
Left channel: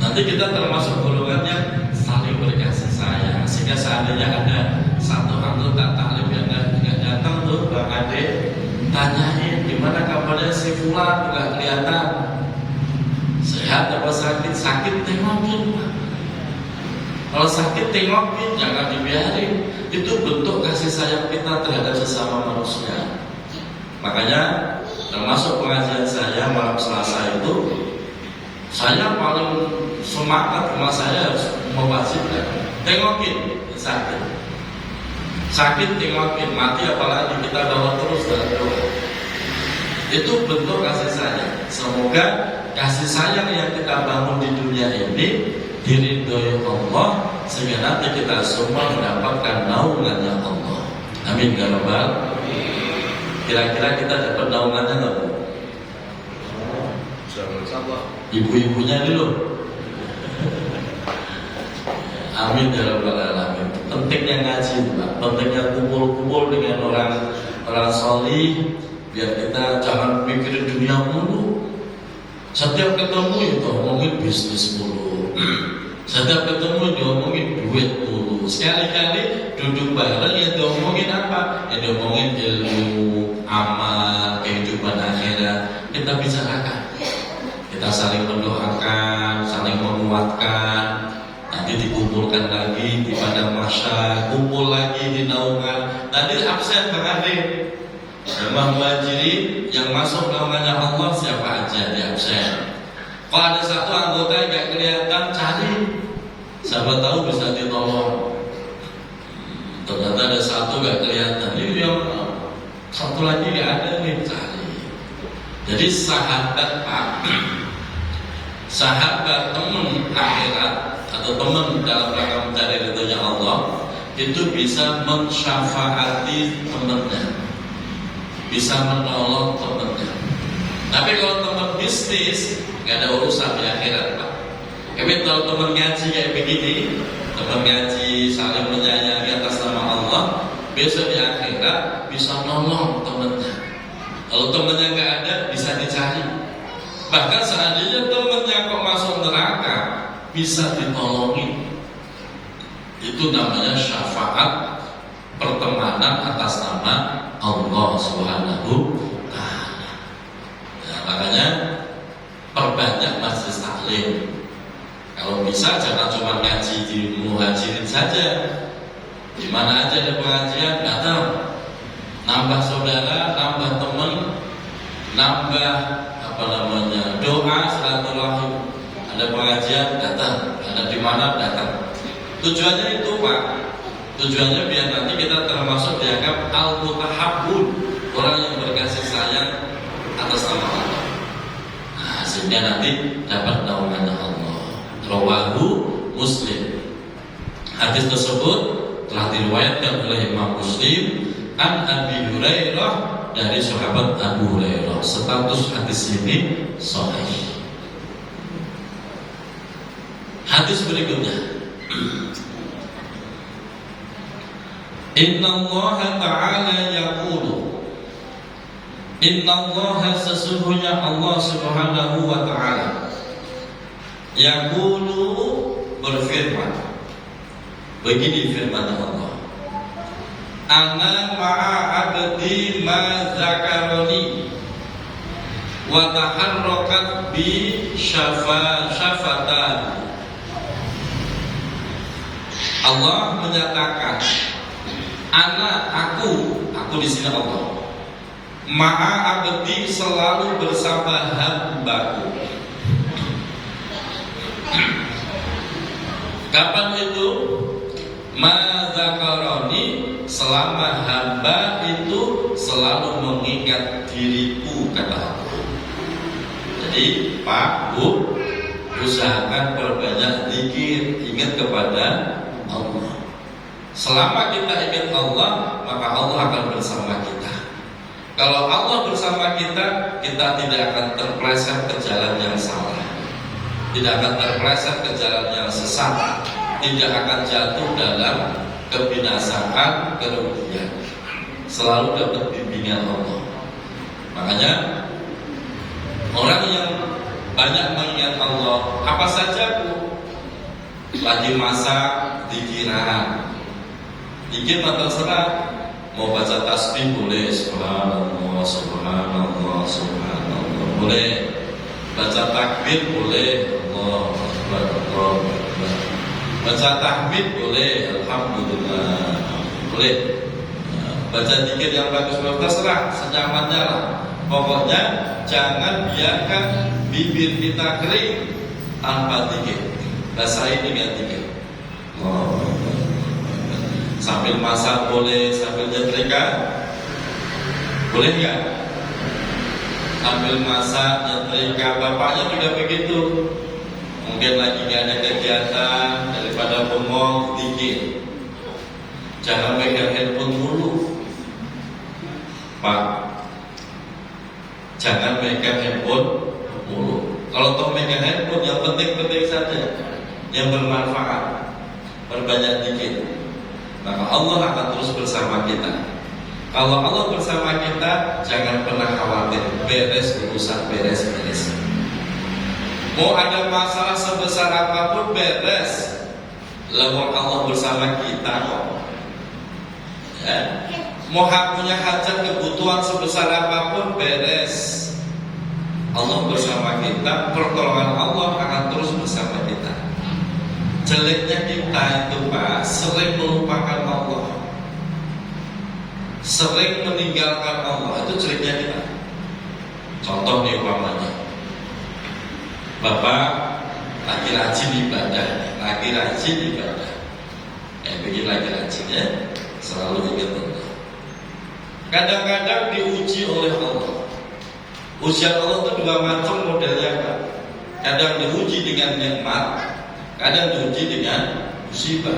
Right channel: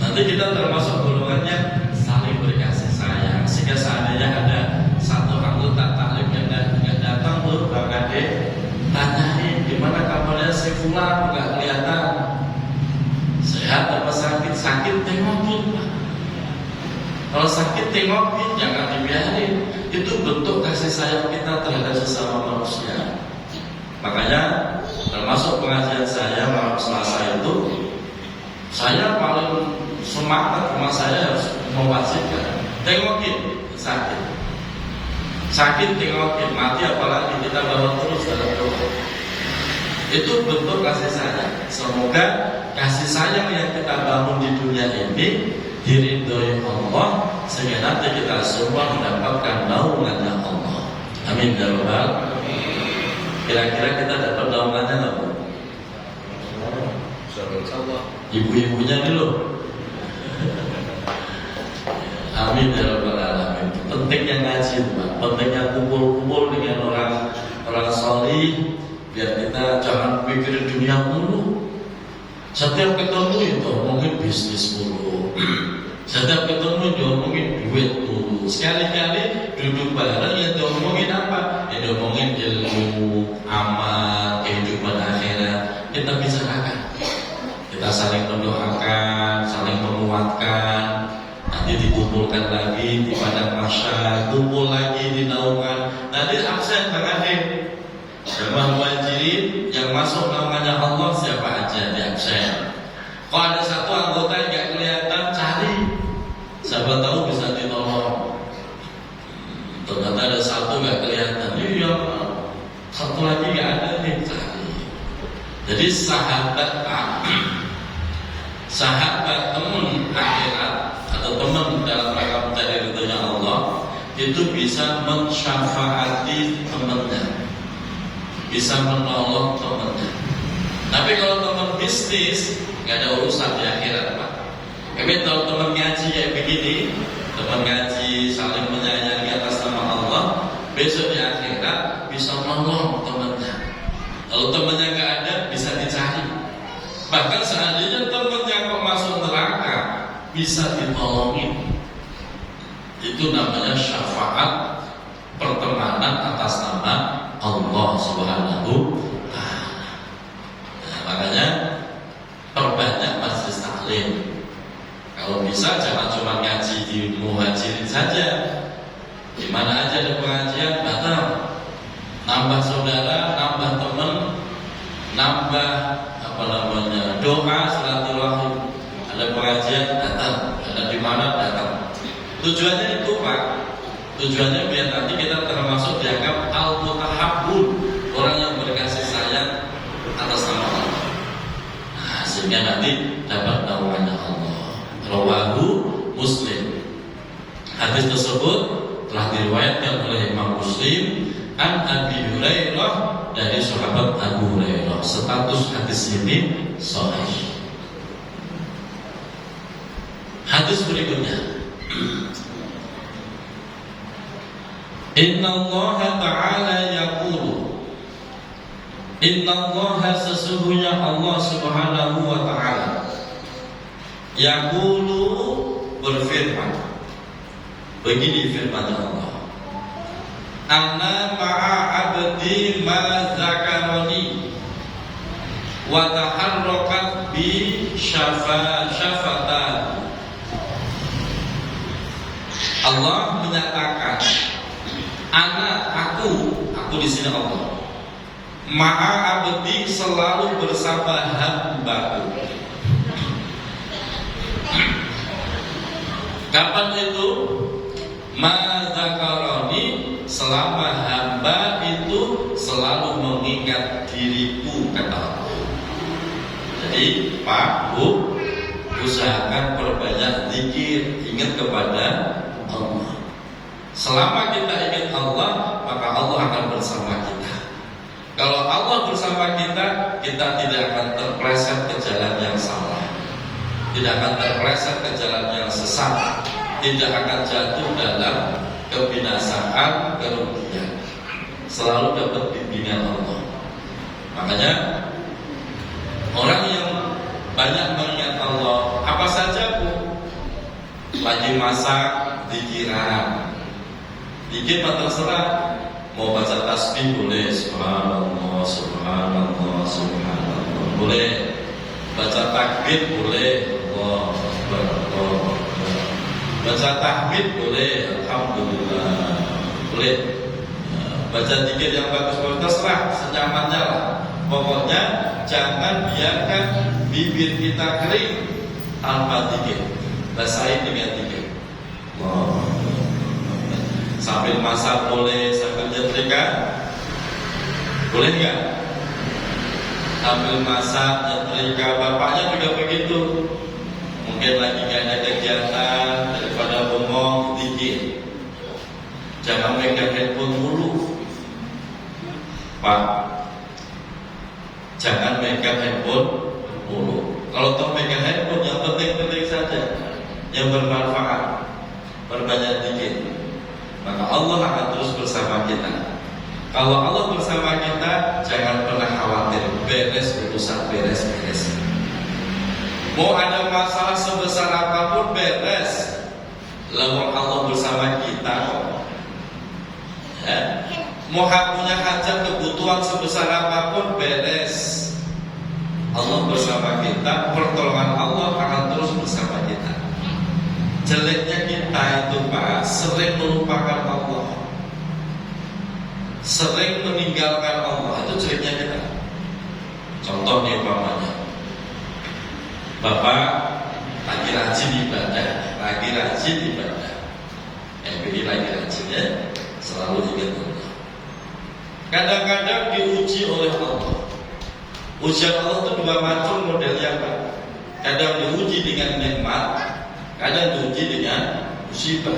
Nanti kita termasuk golongannya saling berkasih sayang. Sehingga seandainya ada satu anggota taklim yang nggak datang tuh, Bang Ade, tanyain gimana kabarnya si Fulan, nggak kelihatan. Sehat apa sakit? Sakit tengokin Pak. Kalau sakit tengokin, jangan dibiarin. Itu bentuk kasih sayang kita terhadap sesama manusia. Makanya termasuk pengajian saya malam Selasa itu, saya paling semangat sama saya harus mewajibkan tengokin sakit. Sakit tengokin, mati apalagi kita bawa terus dalam doa. Itu bentuk kasih sayang. Semoga kasih sayang yang kita bangun di dunia ini diridhoi Allah, sehingga nanti kita semua mendapatkan naungannya Allah. Amin ya rabbal. Kira-kira kita dapat naungannya nggak Bu? Ibu-ibunya dulu. Amin ya rabbal alamin. Pentingnya ngaji, Pak. Pentingnya kumpul-kumpul dengan orang solih, biar kita jangan mikirin dunia mulu. Setiap ketemu itu ngomongin bisnis mulu. Setiap ketemu diomongin duit mulu. Sekali-kali duduk bareng ya diomongin apa? Ya diomongin ilmu, amal, kehidupan akhirat. Kita bicarakan. Kita saling mendoakan, saling menguatkan. Nanti dikumpulkan lagi di padang mahsyar, kumpul lagi di naungan. Nanti absen Bang Ade. Jemaah muhajirin yang masuk naungannya Allah siapa aja di absen. Kalau ada satu anggota yang gak kelihatan, cari. Siapa tahu bisa ditolong. Ternyata ada satu gak kelihatan, yang satu lagi gak ada nih, cari. Jadi sahabat teman akhirat atau teman dalam rangka mencari ridhonya Allah itu bisa mensyafaati temannya, bisa menolong temannya. Tapi kalau teman bisnis nggak ada urusan di akhirat, Pak. Tapi kalau teman ngaji kayak begini, teman ngaji saling menyayangi atas nama Allah, besok di akhirat bisa menolong temannya. Kalau temannya nggak ada, bisa dicari. Bahkan seandainya temannya kok masuk neraka, bisa ditolongin. Itu namanya syafaat pertemanan atas nama Allah Subhanahu wa ta'ala. Ya, makanya perbanyak majelis taklim. Kalau bisa jangan cuma ngaji di muhajirin saja. Di mana aja ada pengajian, datang. Nambah saudara, nambah teman, nambah doa, silaturahim. Ada pengajian, datang. Ada di mana, datang. Tujuannya itu, Pak. Tujuannya biar nanti kita termasuk dianggap al-mutahabbun, orang yang berkasih sayang atas nama Allah. Nah, sehingga nanti dapat naungannya Allah. Rawahu Muslim. Hadis tersebut telah diriwayatkan oleh Imam Muslim an Abi Hurairah dari sahabat Abu Hurairah. Status hadis ini sahih. Hadis berikutnya. Inna Allah Ta'ala yaqulu, Inna Allah sesungguhnya Allah Subhanahu wa Ta'ala yaqulu berfirman. Begini firman Allah, Ana ma'a abdi ma zakaroni wa taharrakat bi syafatan. Allah menyatakan, aku di sini Allah. Ma'a abdi selalu bersama hambaku. Kapan itu? Madzakaroni, selama hamba itu selalu mengingat diriku, kata Allah. Jadi Pak, Bu, usahakan perbanyak zikir, ingat kepada Allah. Selama kita ingat Allah, maka Allah akan bersama kita. Kalau Allah bersama kita, kita tidak akan terpeleset ke jalan yang salah, tidak akan terpeleset ke jalan yang sesat, tidak akan jatuh dalam kebinasaan, kerugian. Selalu dapat bimbingan Allah. Makanya orang yang banyak mengingat Allah, apa saja, Bu, lagi masak, dikiran, dikit atau terserah. Mau baca tasbih boleh, subhanallah, subhanallah, subhanallah, boleh. Baca takbir boleh, Allah Akbar, Allah Akbar. Baca tahmid boleh, alhamdulillah, boleh. Baca zikir yang bagus-bagus, terserah, senyamannya lah. Pokoknya jangan biarkan bibir kita kering tanpa zikir. Basahin dengan zikir. Sambil masak boleh, sambil nyetrika boleh nggak? Sambil masak, nyetrika, bapaknya juga begitu. Mungkin lagi nggak ada kegiatan, daripada ngomong dikit. Jangan pegang handphone dulu, Pak. Jangan pegang handphone dulu. Kalau toh pegang handphone, yang penting-penting saja, yang bermanfaat. perbanyak dikir, maka Allah akan terus bersama kita. Kalau Allah bersama kita, jangan pernah khawatir, beres urusan, beres. Mau ada masalah sebesar apapun beres, lalu Allah bersama kita kok. Ya. Mau punya hajat kebutuhan sebesar apapun beres, Allah bersama kita, pertolongan Allah akan terus bersama kita. Jeleknya kita itu Pak, sering melupakan Allah, sering meninggalkan Allah, itu jeleknya kita. Contoh nih umpamanya, Bapak lagi rajin ibadah, begini lagi rajin ya, selalu ingat Allah. Kadang-kadang diuji oleh Allah. Ujian Allah itu dua macam modelnya Pak. Kadang diuji dengan nikmat, kadang diuji dengan musibah.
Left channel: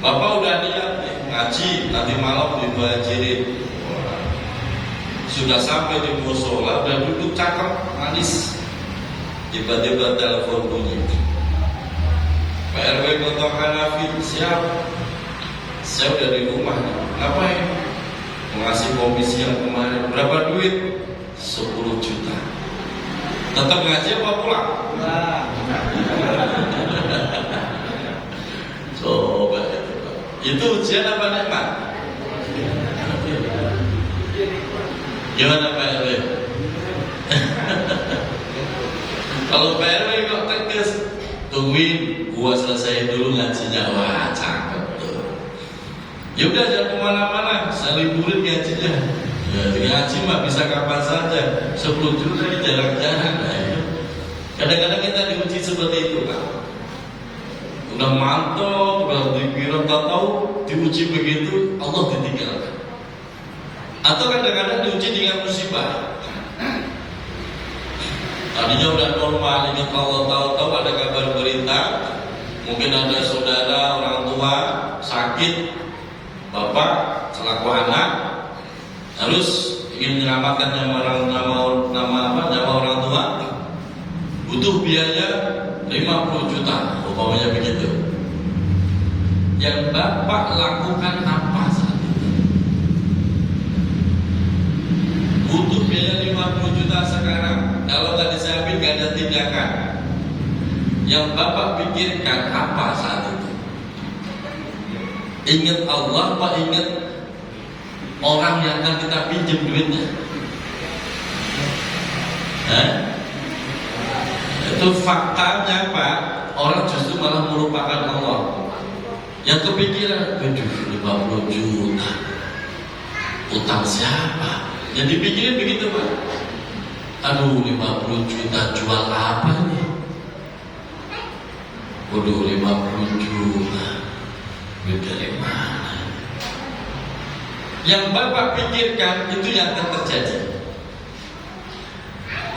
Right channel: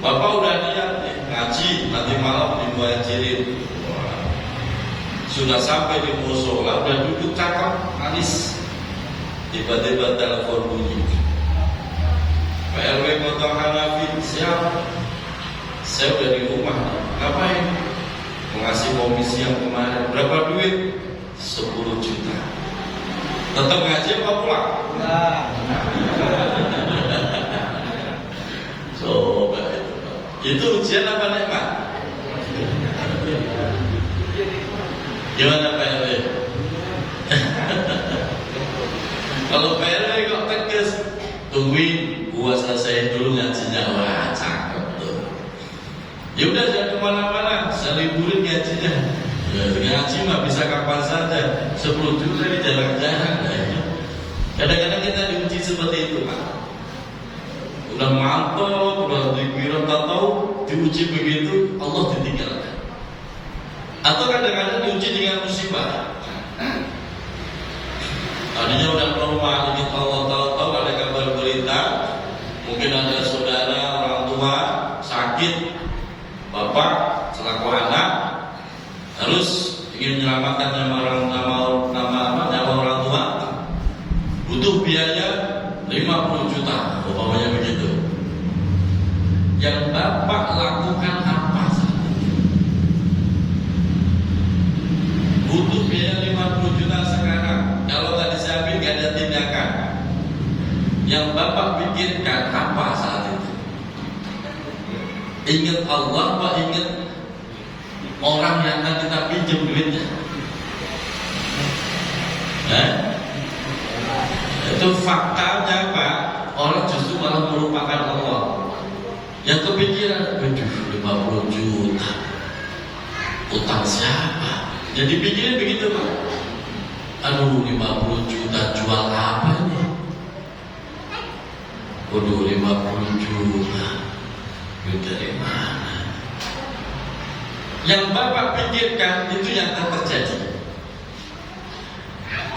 Bapak udah niat ngaji, nanti malam dibajirin. Sudah sampai di musola, udah duduk cakep, manis. Tiba-tiba telepon bunyi. Pak RW Kota Hanafi, siapa? Saya udah di rumah. Ngapain? Mengasih komisi yang kemarin. Berapa duit? 10 juta. Tetap ngaji apa pulang? Coba itu ujian apa nikmat? Gimana Pak RW? Kalau Pak RW kok tegas, tungguin gua selesai dulu ngajinya. Wah cakep tuh. Ya udah jangan kemana-mana, saya liburin ngajinya. Ya, ngaji mah bisa kapan saja. 10 juta jarang-jarang. Kadang-kadang kita diuji seperti itu Pak. Udah mantap, udah dikira tahu, diuji begitu, Allah ditinggalkan. Atau kadang-kadang diuji dengan musibah. Tadinya udah normal, ini kalau tahu-tahu ada kabar berita, mungkin ada saudara, orang tua sakit, bapak selaku anak harus ingin menyelamatkan nyawa orang tua, butuh biaya 50 juta, umpamanya begitu. Yang bapak lakukan apa saat itu? Butuh biaya 50 juta sekarang. Kalau nggak disiapin nggak ada tindakan. Yang bapak pikirkan apa saat itu? Ingat Allah, Pak, ingat orang yang akan kita pinjam duitnya. Itu faktanya Pak. Orang justru malah melupakan Allah. Yang kepikiran, 50 juta utang siapa? Jadi pikirin begitu Pak. Aduh 50 juta jual apa ini? Waduh 50 juta dari mana? Yang bapak pikirkan itu yang akan terjadi.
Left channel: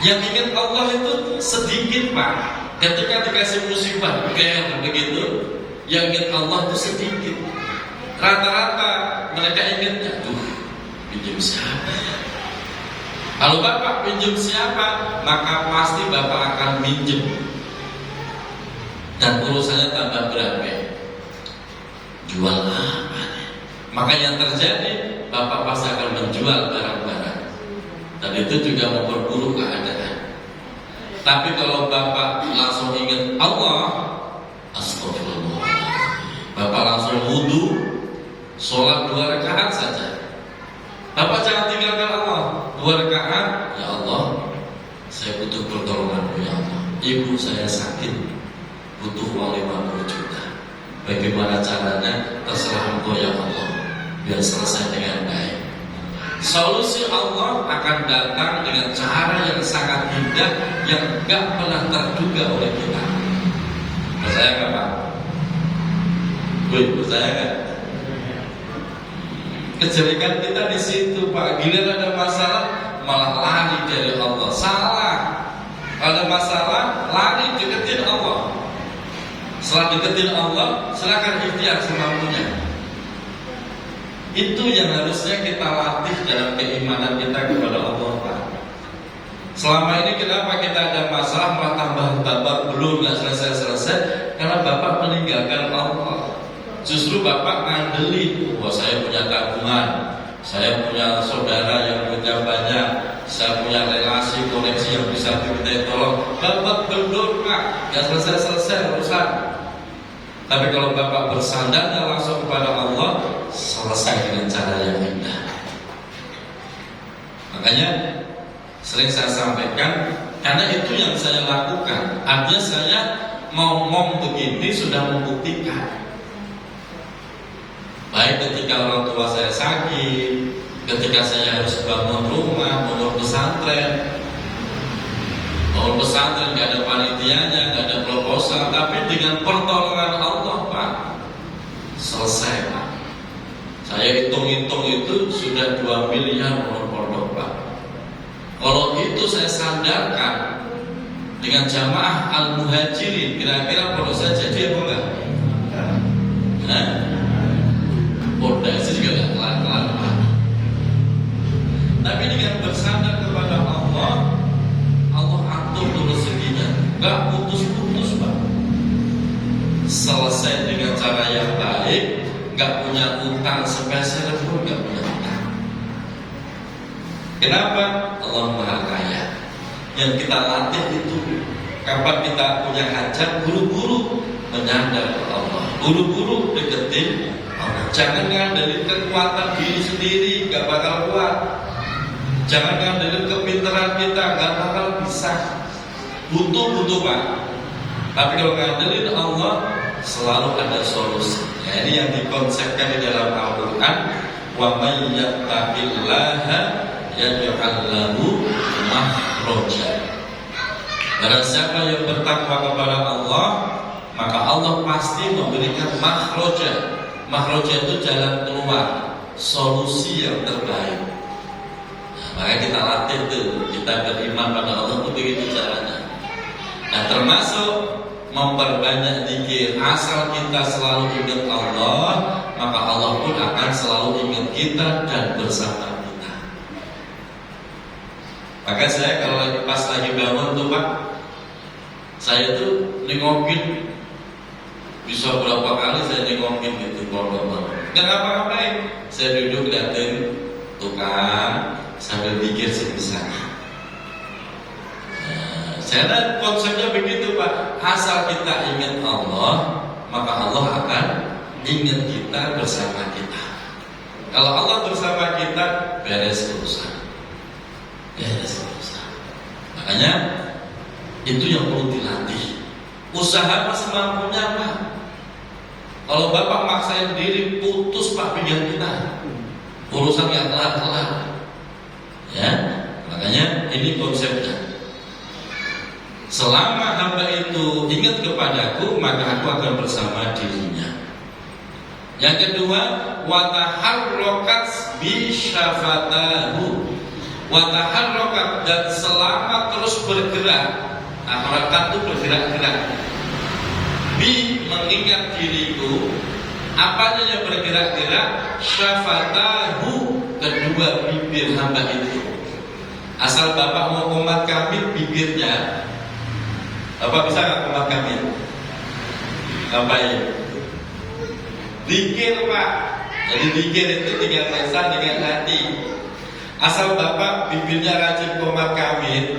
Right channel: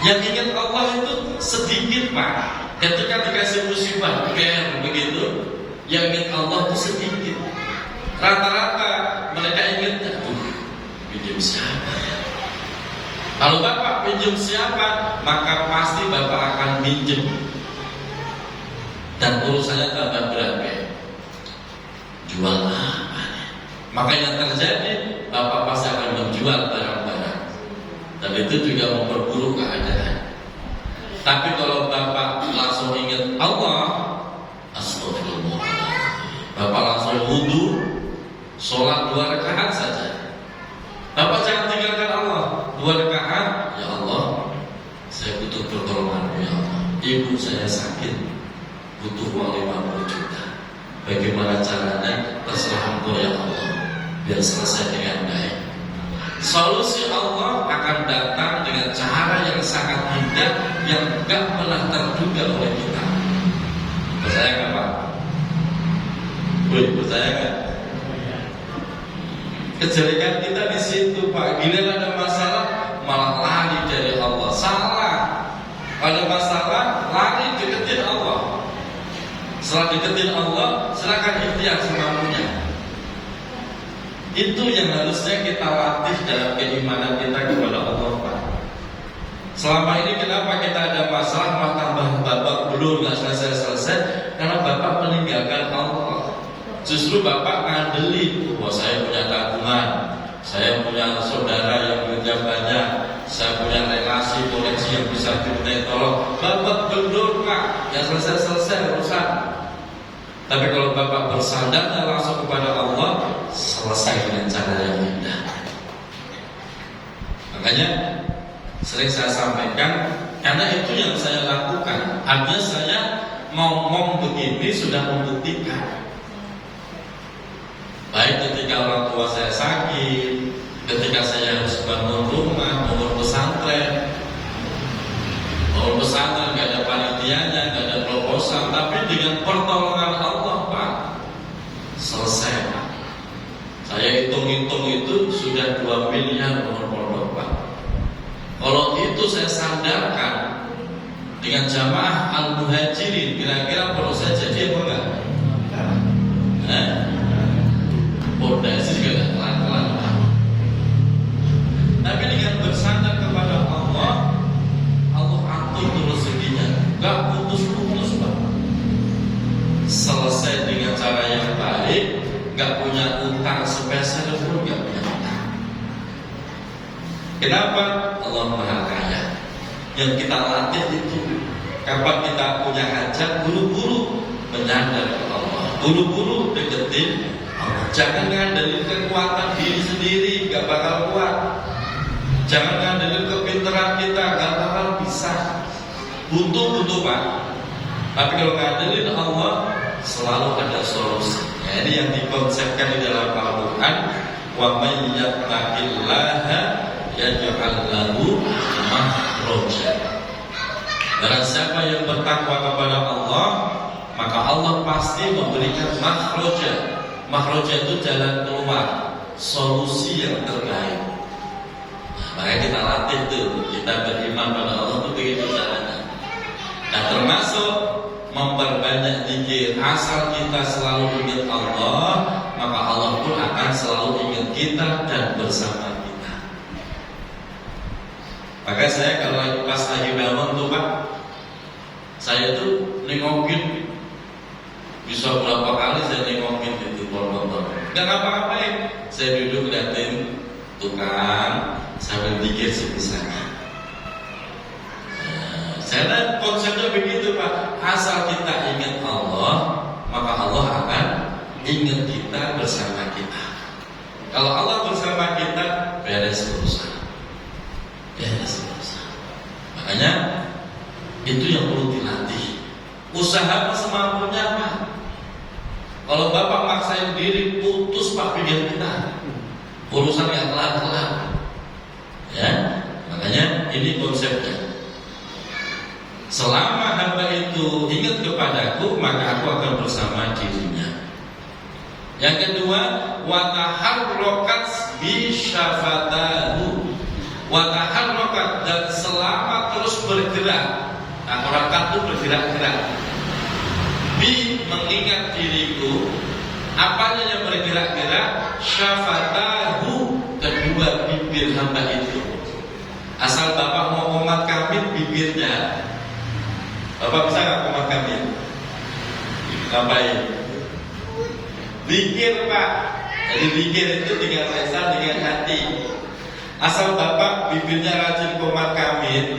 Yang ingat Allah itu sedikit Pak. Ketika dikasih musibah begitu, yang ingat Allah itu sedikit. Rata-rata mereka ingatnya, pinjam siapa ya? Kalau bapak pinjam siapa, maka pasti bapak akan minjem. Dan urusannya tambah berat. Jual apa? Maka yang terjadi, bapak pasti akan menjual barang-barang. Dan itu juga memperburuk keadaan. Tapi kalau bapak langsung ingat Allah, astagfirullah, bapak langsung wudu, sholat 2 rakaat saja. Bapak jangan tinggalkan Allah. 2 rakaat, ya Allah, saya butuh pertolongan-Mu ya Allah. Ibu saya sakit, butuh uang 50 juta. Bagaimana caranya? Terserah Engkau ya Allah, biar selesai dengan baik. Solusi Allah akan datang dengan cara yang sangat indah, yang gak pernah terduga oleh kita. Percaya gak Pak? Percaya gak? Kejelekan kita di situ Pak. Giliran ada masalah malah lari dari Allah. Salah. Ada masalah lari deketin Allah. Setelah deketin Allah, silakan ikhtiar semampunya. Itu yang harusnya kita latih dalam keimanan kita kepada Allah Pak. Selama ini kenapa kita ada masalah tambah babak belum nggak selesai-selesai? karena bapak meninggalkan Allah. Justru bapak ngandeli, bahwa saya punya tabungan, saya punya saudara yang punya banyak, saya punya relasi koneksi yang bisa diminta tolong. Bapak berdoa, ya selesai urusan. Tapi kalau bapak bersandarnya langsung kepada Allah, selesai dengan cara yang indah. Makanya sering saya sampaikan, karena itu yang saya lakukan. Artinya saya ngomong begini sudah membuktikan. Baik ketika orang tua saya sakit, ketika saya harus bangun rumah, bangun pesantren nggak ada panitianya, nggak ada proposal, tapi dengan pertolongan Allah Pak, selesai Pak. Saya hitung-hitung itu sudah 2 miliar pondok Pak. Kalau itu saya sandarkan dengan jamaah Al-Muhajirin, kira-kira perlu saya jadi apa enggak? Pondasi juga kelar-kelar. Tapi dengan bersandar kepada Allah, Allah atur rezekinya, nggak putus-putus Pak. Selesai dengan cara yang baik, nggak punya utang sepeser pun nggak punya utang. Kenapa? Allah Maha Kaya. Yang kita latih itu, kapan kita punya hajat, buru-buru menyandar ke Allah, buru-buru deketin Allah. Jangan ngandelin kekuatan diri sendiri, gak bakal kuat. Jangan ngandelin kepintaran kita, gak bakal bisa. Butuh Pak. Tapi kalau ngandelin Allah, selalu ada solusi. Nah, ini yang dikonsepkan di dalam Al-Quran. Wa may yattaqillaha yaj'al lahu makhraja. Barang siapa yang bertakwa kepada Allah, maka Allah pasti memberikan makhraja. Makhraja itu jalan keluar, solusi yang terbaik. Maka kita latih itu, kita beriman pada Allah itu begitu caranya. Nah, termasuk memperbanyak zikir. Asal kita selalu ingat Allah, maka Allah pun akan selalu ingat kita dan bersama kita. Maka saya kalau pas lagi bangun tuh Pak, saya tuh nengokin, bisa berapa kali saya nengokin gitu pondok. Nggak ngapa-ngapain, saya duduk liatin tukang, saya berpikir sebisanya. Saya konsepnya begitu Pak. Asal kita ingat Allah, maka Allah akan ingat kita bersama kita. Kalau Allah bersama kita, beres urusan. Beres urusan. Makanya itu yang perlu dilatih. Usaha semampunya Pak. Kalau Bapak maksain diri, putus Pak pikiran kita. Urusan yang kelar-kelar. Ya, makanya ini konsepnya. Selama hamba itu ingat kepadaku, maka aku akan bersama dirinya. Yang kedua, wa taharrakat bi syafatahu. Wa taharrakat, dan selama terus bergerak. Harakat itu bergerak-gerak. Bi, mengingat diriku. Apanya yang bergerak-gerak? Syafatahu, kedua bibir hamba itu. Asal Bapak mau umat kami bibirnya, Bapak bisa nggak umat kami? Ngapain? Zikir Pak. Jadi zikir itu dengan lisan, dengan hati. Asal Bapak bibirnya rajin umat kami,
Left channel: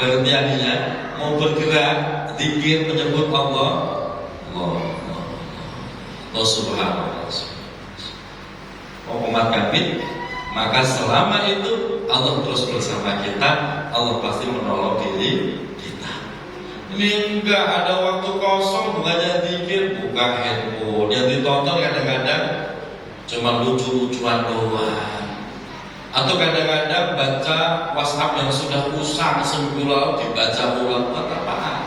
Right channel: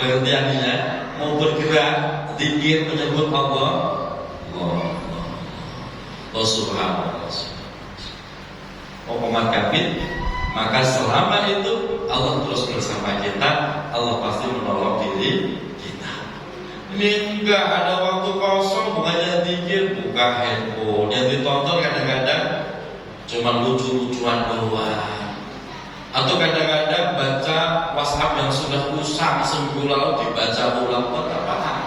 pengertiannya mau bergerak, zikir menyebut Allah, Allah Subhanahu. Mau umat kami, maka selama itu Allah terus bersama kita. Allah pasti menolong diri kita. Ini enggak ada waktu kosong, bukannya zikir, buka handphone. Yang ditonton kadang-kadang cuma lucu-lucuan doang. Atau kadang-kadang baca WhatsApp yang sudah usang seminggu lalu dibaca ulang buat apaan?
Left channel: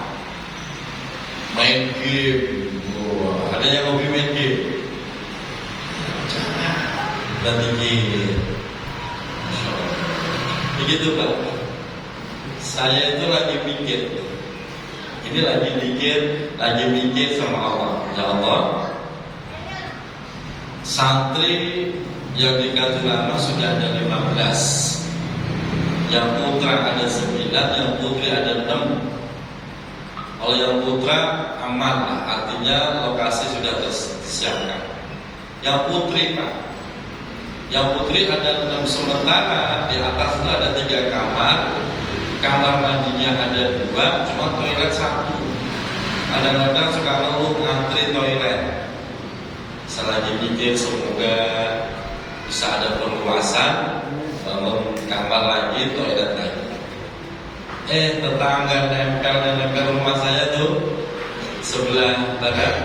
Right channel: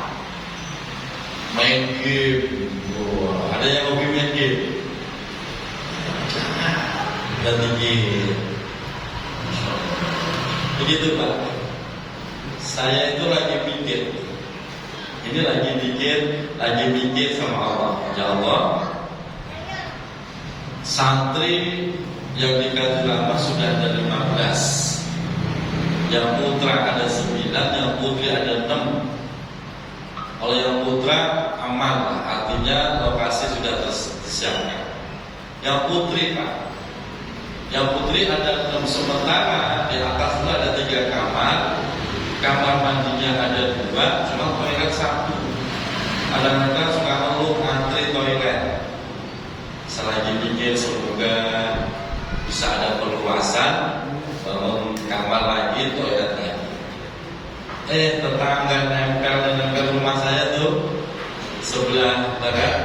Main game. Ada yang hobi main game? Dan zikir. Begitu Pak. Saya itu lagi mikir. Ini lagi mikir sama Allah. Ya Allah, santri yang dikasih nama sudah ada 15. Yang putra ada 9, yang putri ada 6. Kalau yang putra aman lah, artinya lokasi sudah tersiapkan. Yang putri Pak, yang putri ada sementara di atasnya ada 3 kamar, kamar mandinya ada 2, cuma toilet 1. Kadang-kadang suka ngeluh ngantri toilet. Selagi pikir semoga bisa ada perluasan, bangun kamar lagi, toilet lagi. Tetangga nempel rumah saya tuh sebelah barat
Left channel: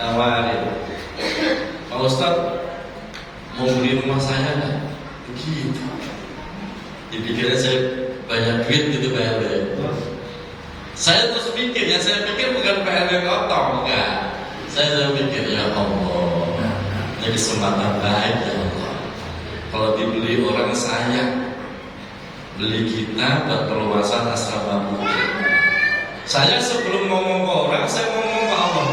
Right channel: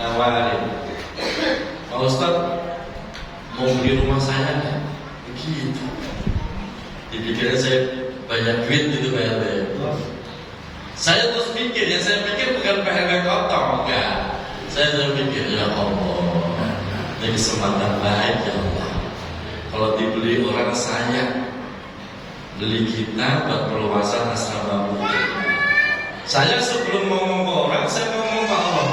nawarin, Pak Ustadz mau beli rumah saya nggak? Begitu. Dipikirnya saya banyak duit gitu bayar. Saya terus pikir, saya pikir bukan PRG Kotong, enggak. Saya terus pikir, ya Allah, ini kesempatan baik ya Allah. Kalau dibeli orang sayang, beli kita buat perluasan asrama putri. Saya sebelum ngomong ke orang, saya ngomong ke Allah.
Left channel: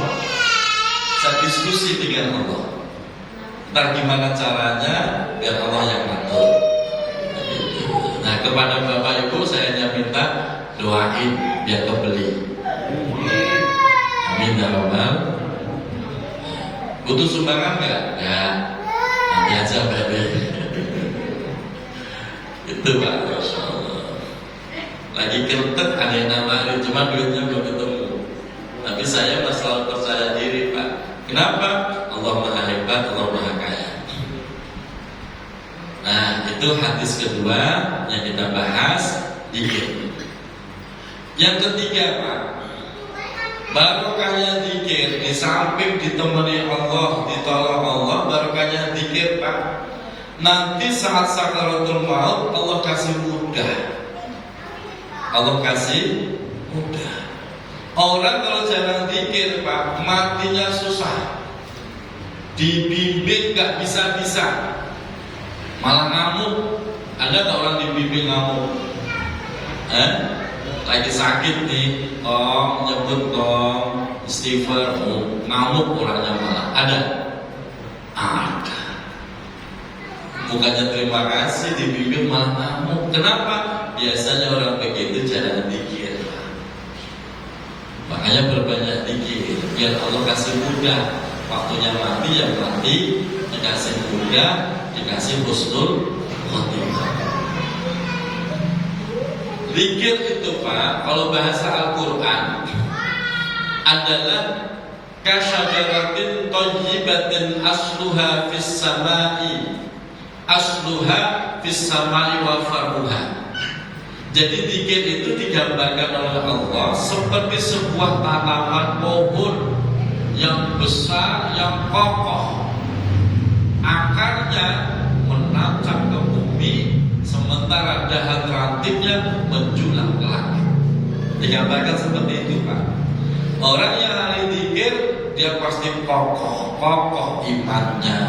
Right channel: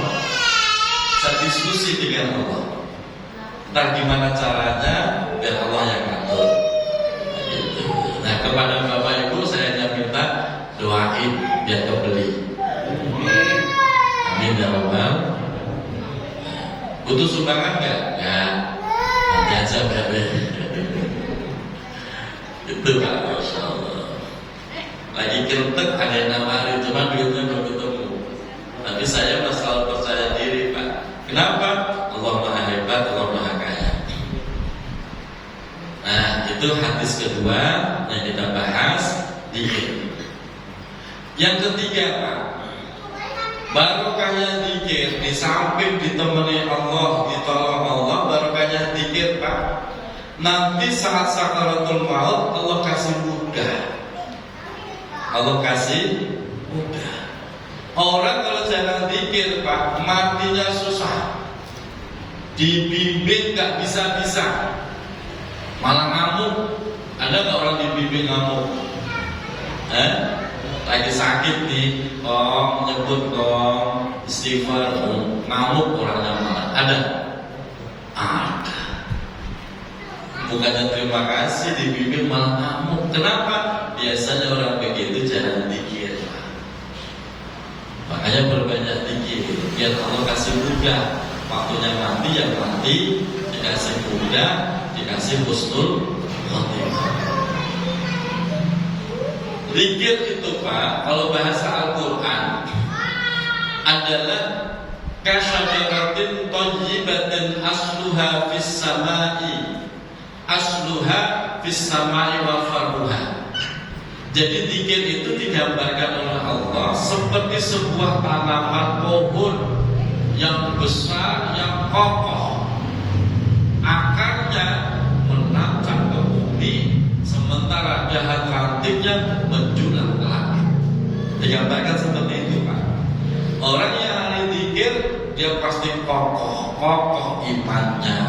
Saya diskusi dengan Allah. Entah gimana caranya, biar Allah yang ngatur. Nah, kepada Bapak Ibu saya hanya minta doain biar kebeli. Amin ya Rabbal. Butuh sumbangan nggak? Ya, nanti aja bebe. Itu Pak, Masya Allah. Lagi kentek ada yang nawarin, cuma duitnya belum ketemu. Tapi saya masalah percaya diri Pak. Kenapa? Allah Maha Hebat, Allah Maha Kaya. Nah, itu hadis kedua yang kita bahas, zikir. Yang ketiga Pak, barokahnya zikir, di samping ditemani Allah, ditolong Allah, barokahnya zikir Pak. Nanti saat sakaratul maut Allah kasih mudah. Allah kasih mudah. Orang kalau jalan zikir Pak, matinya susah. Dibimbing gak bisa-bisa, malah ngamuk. Ada gak orang dibimbing ngamuk? Lagi sakit nih, nyebut istighfar, ngamuk orangnya malah. Ada? Ada. Bukannya terima kasih dibimbing malah ngamuk. Kenapa? Biasanya orang begitu jarang zikir. Makanya berbanyak zikir biar Allah kasih mudah. Waktunya mati yang mati dikasih mudah, dikasih husnul khotimah. Zikir itu Pak, kalau bahasa Al-Quran adalah kasyajaratin thayyibatin asluha fis samai, asluha fis samai wa farruha. Jadi zikir itu digambarkan oleh Allah seperti sebuah tanaman pohon yang besar, yang kokoh, akarnya menancap ke bumi, sementara dahan rantingnya menjulang ke langit. Digambarkan seperti itu Pak. Orang yang ahli zikir, dia pasti kokoh, kokoh imannya,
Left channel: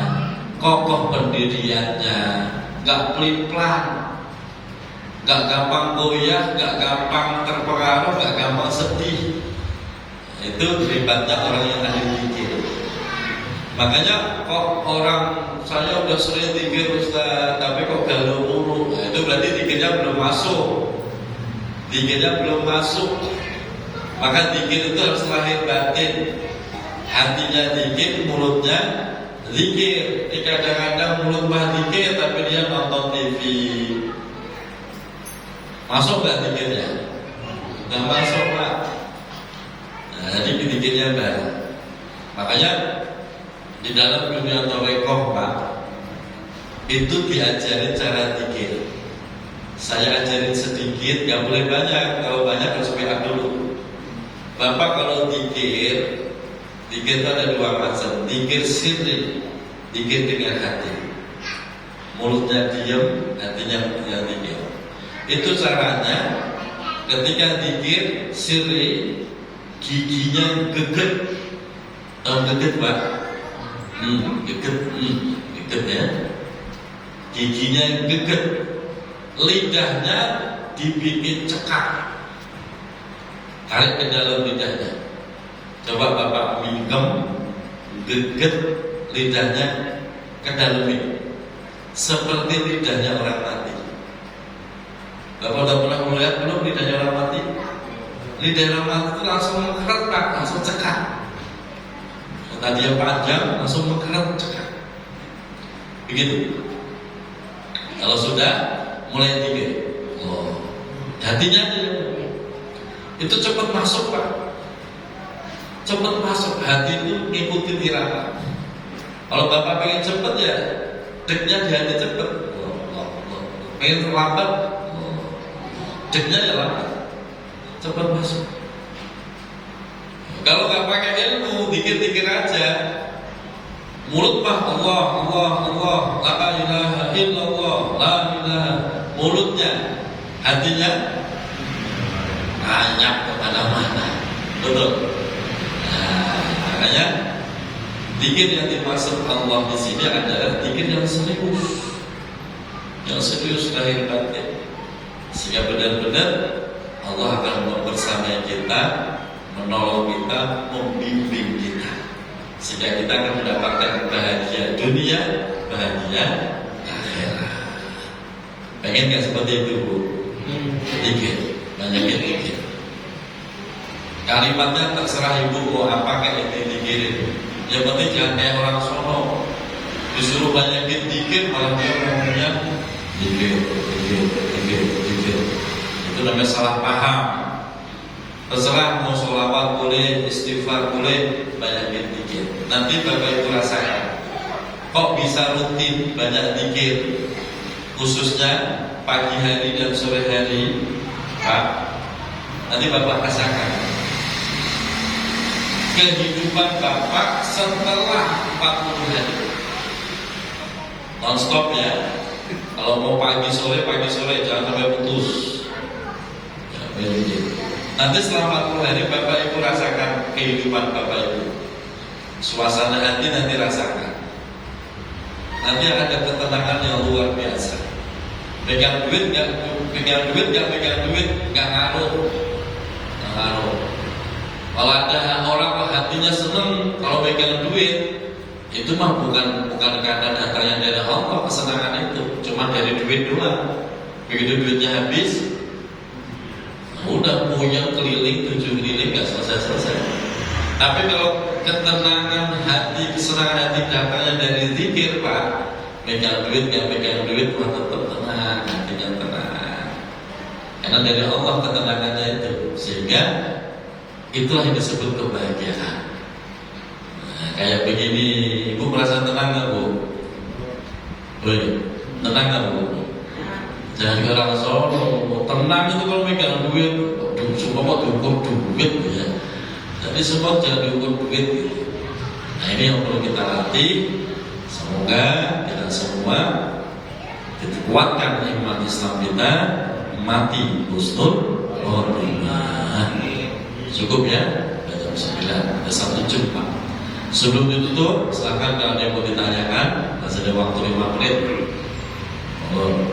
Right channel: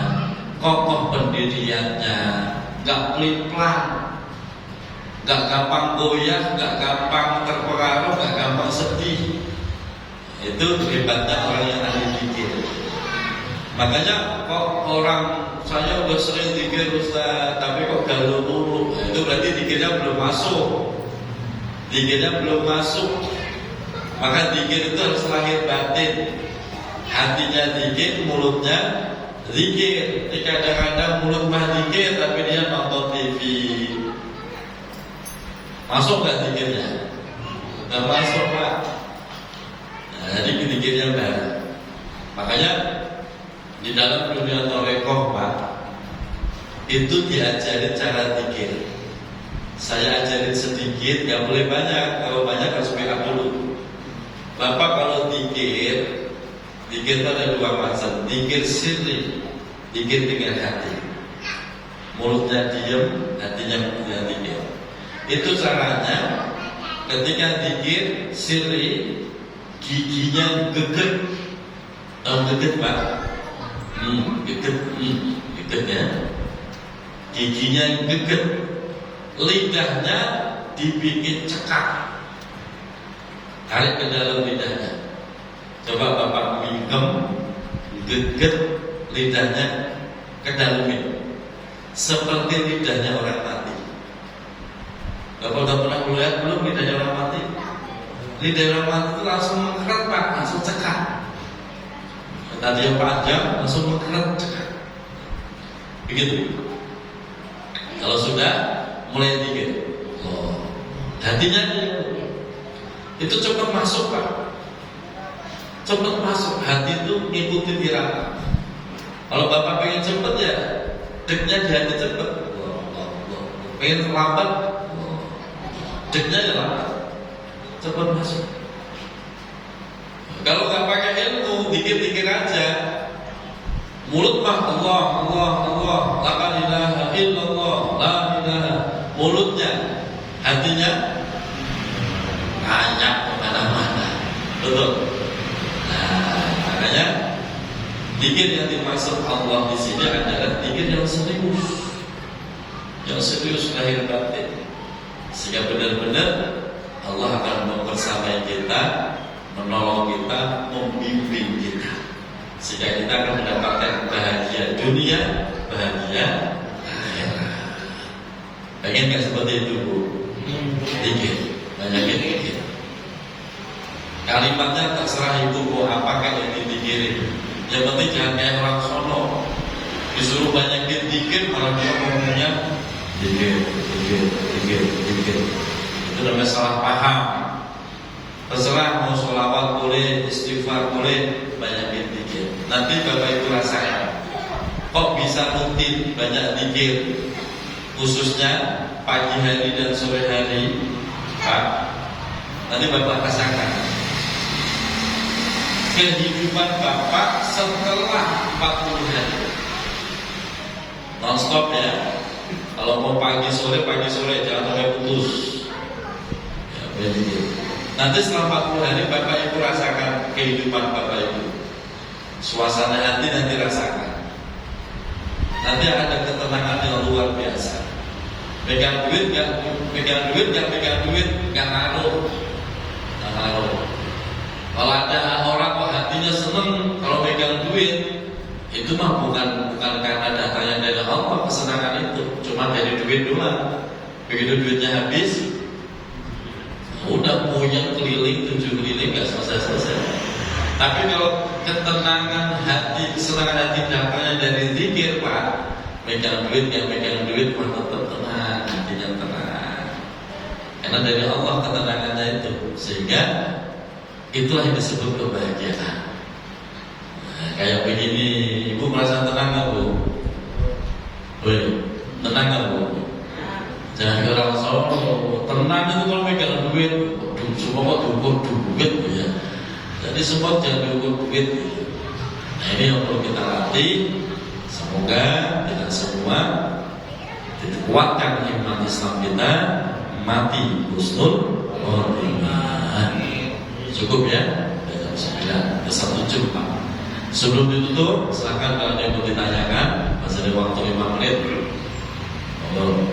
kokoh pendiriannya, gak pelin-pelan, gak gampang goyah, gak gampang terpengaruh, gak gampang sedih. Itu hebatnya orang yang ahli zikir. Makanya kok orang saya udah sering zikir Ustaz, tapi kok galau mulu, itu berarti zikirnya belum masuk. Zikirnya belum masuk. Maka zikir itu harus lahir batin. Hatinya zikir, mulutnya zikir. Kadang-kadang mulut mah zikir tapi dia nonton TV. Masuk gak zikirnya? Gak masuk Pak. Nah, jadi zikirnya bareng. Makanya di dalam dunia tarekat Pak, itu diajarin cara zikir. Saya ajarin sedikit, gak boleh banyak. Kalau banyak harus banyak dulu. Bapak kalau zikir itu ada 2 macam. Zikir sirri, zikir dengan hati. Mulutnya diam, hatinya punya zikir. Itu caranya. Ketika zikir sirri, giginya geget. Tahu geget Pak? Geget ya. Giginya geget. Lidahnya dibikin cekak. Tarik ke dalam lidahnya. Coba Bapak minggem, geget lidahnya ke dalam ini. Seperti lidahnya orang mati. Bapak udah pernah melihat belum lidahnya orang mati? Ini daerah mata itu langsung mengkeret Pak, langsung cekak. Tadi yang panjang langsung mengkeret cekak. Begitu. Kalau sudah mulai dikit, hatinya itu cepat masuk Pak. Cepat masuk, hati itu ngikutin irama. Kalau Bapak pengen cepet ya, deknya di hati cepet. Pengen lambat, deknya ya lambat. Cepat masuk. Kalau nggak pakai ilmu, dikit-dikit aja. Mulut mah Allah, Allah, Allah, la ilaha illallah, la ilaha. Mulutnya, hatinya banyak kemana-mana. Betul. Nah, makanya dikir yang dimaksud Allah di sini adalah dikir yang serius lahir batin, sehingga benar-benar Allah akan membersamai kita, menolong kita, membimbing kita, sehingga kita akan mendapatkan bahagia dunia, bahagia akhirat. Pengen nggak seperti itu Bu? Dikir, banyakin dikir. Kalimatnya terserah ibu mau apakah yang dipikirin. Yang penting jangan kayak orang Solo, disuruh banyakin dikir malah dia ngomongnya dikir. Itu namanya salah paham. Terserah mau sholawat boleh, istighfar boleh, banyakin dikir. Nanti Bapak Ibu rasakan, kok bisa rutin banyak dikir, khususnya pagi hari dan sore hari, Pak. Nanti Bapak rasakan kehidupan Bapak setelah 40 hari non-stop ya. Kalau mau pagi sore, jangan sampai putus ya, nanti selama 40 hari Bapak Ibu rasakan kehidupan Bapak Ibu, suasana hati nanti rasakan. Nanti ada ketenangan yang luar biasa. Pegang duit nggak ngaruh. Kalau ada orang kok hatinya seneng kalau pegang duit, itu mah bukan karena datangnya dari Allah kesenangan itu, cuma dari duit doang. Begitu duitnya habis, udah puyeng keliling 7 keliling nggak selesai. Tapi kalau ketenangan hati, kesenangan hati datangnya dari zikir Pak, pegang duit mah tetap tenang, hatinya tenang. Karena dari Allah ketenangannya itu, sehingga itulah yang disebut kebahagiaan. Nah, kayak begini, Ibu merasa tenang nggak Bu? Woi, tenang nggak Bu? Jangan ke orang Solo. Tenang itu kalau pegang duit, semua kok diukur duit ya. Jadi semua jangan diukur duit. Nah ini yang perlu kita latih. Semoga kita semua dikuatkan iman Islam kita, mati husnul khotimah. Cukup ya, jam 9, ada 1 jam Pak. Sebelum ditutup, silakan kalau ada yang mau ditanyakan, masih ada waktu 5 menit. Monggo.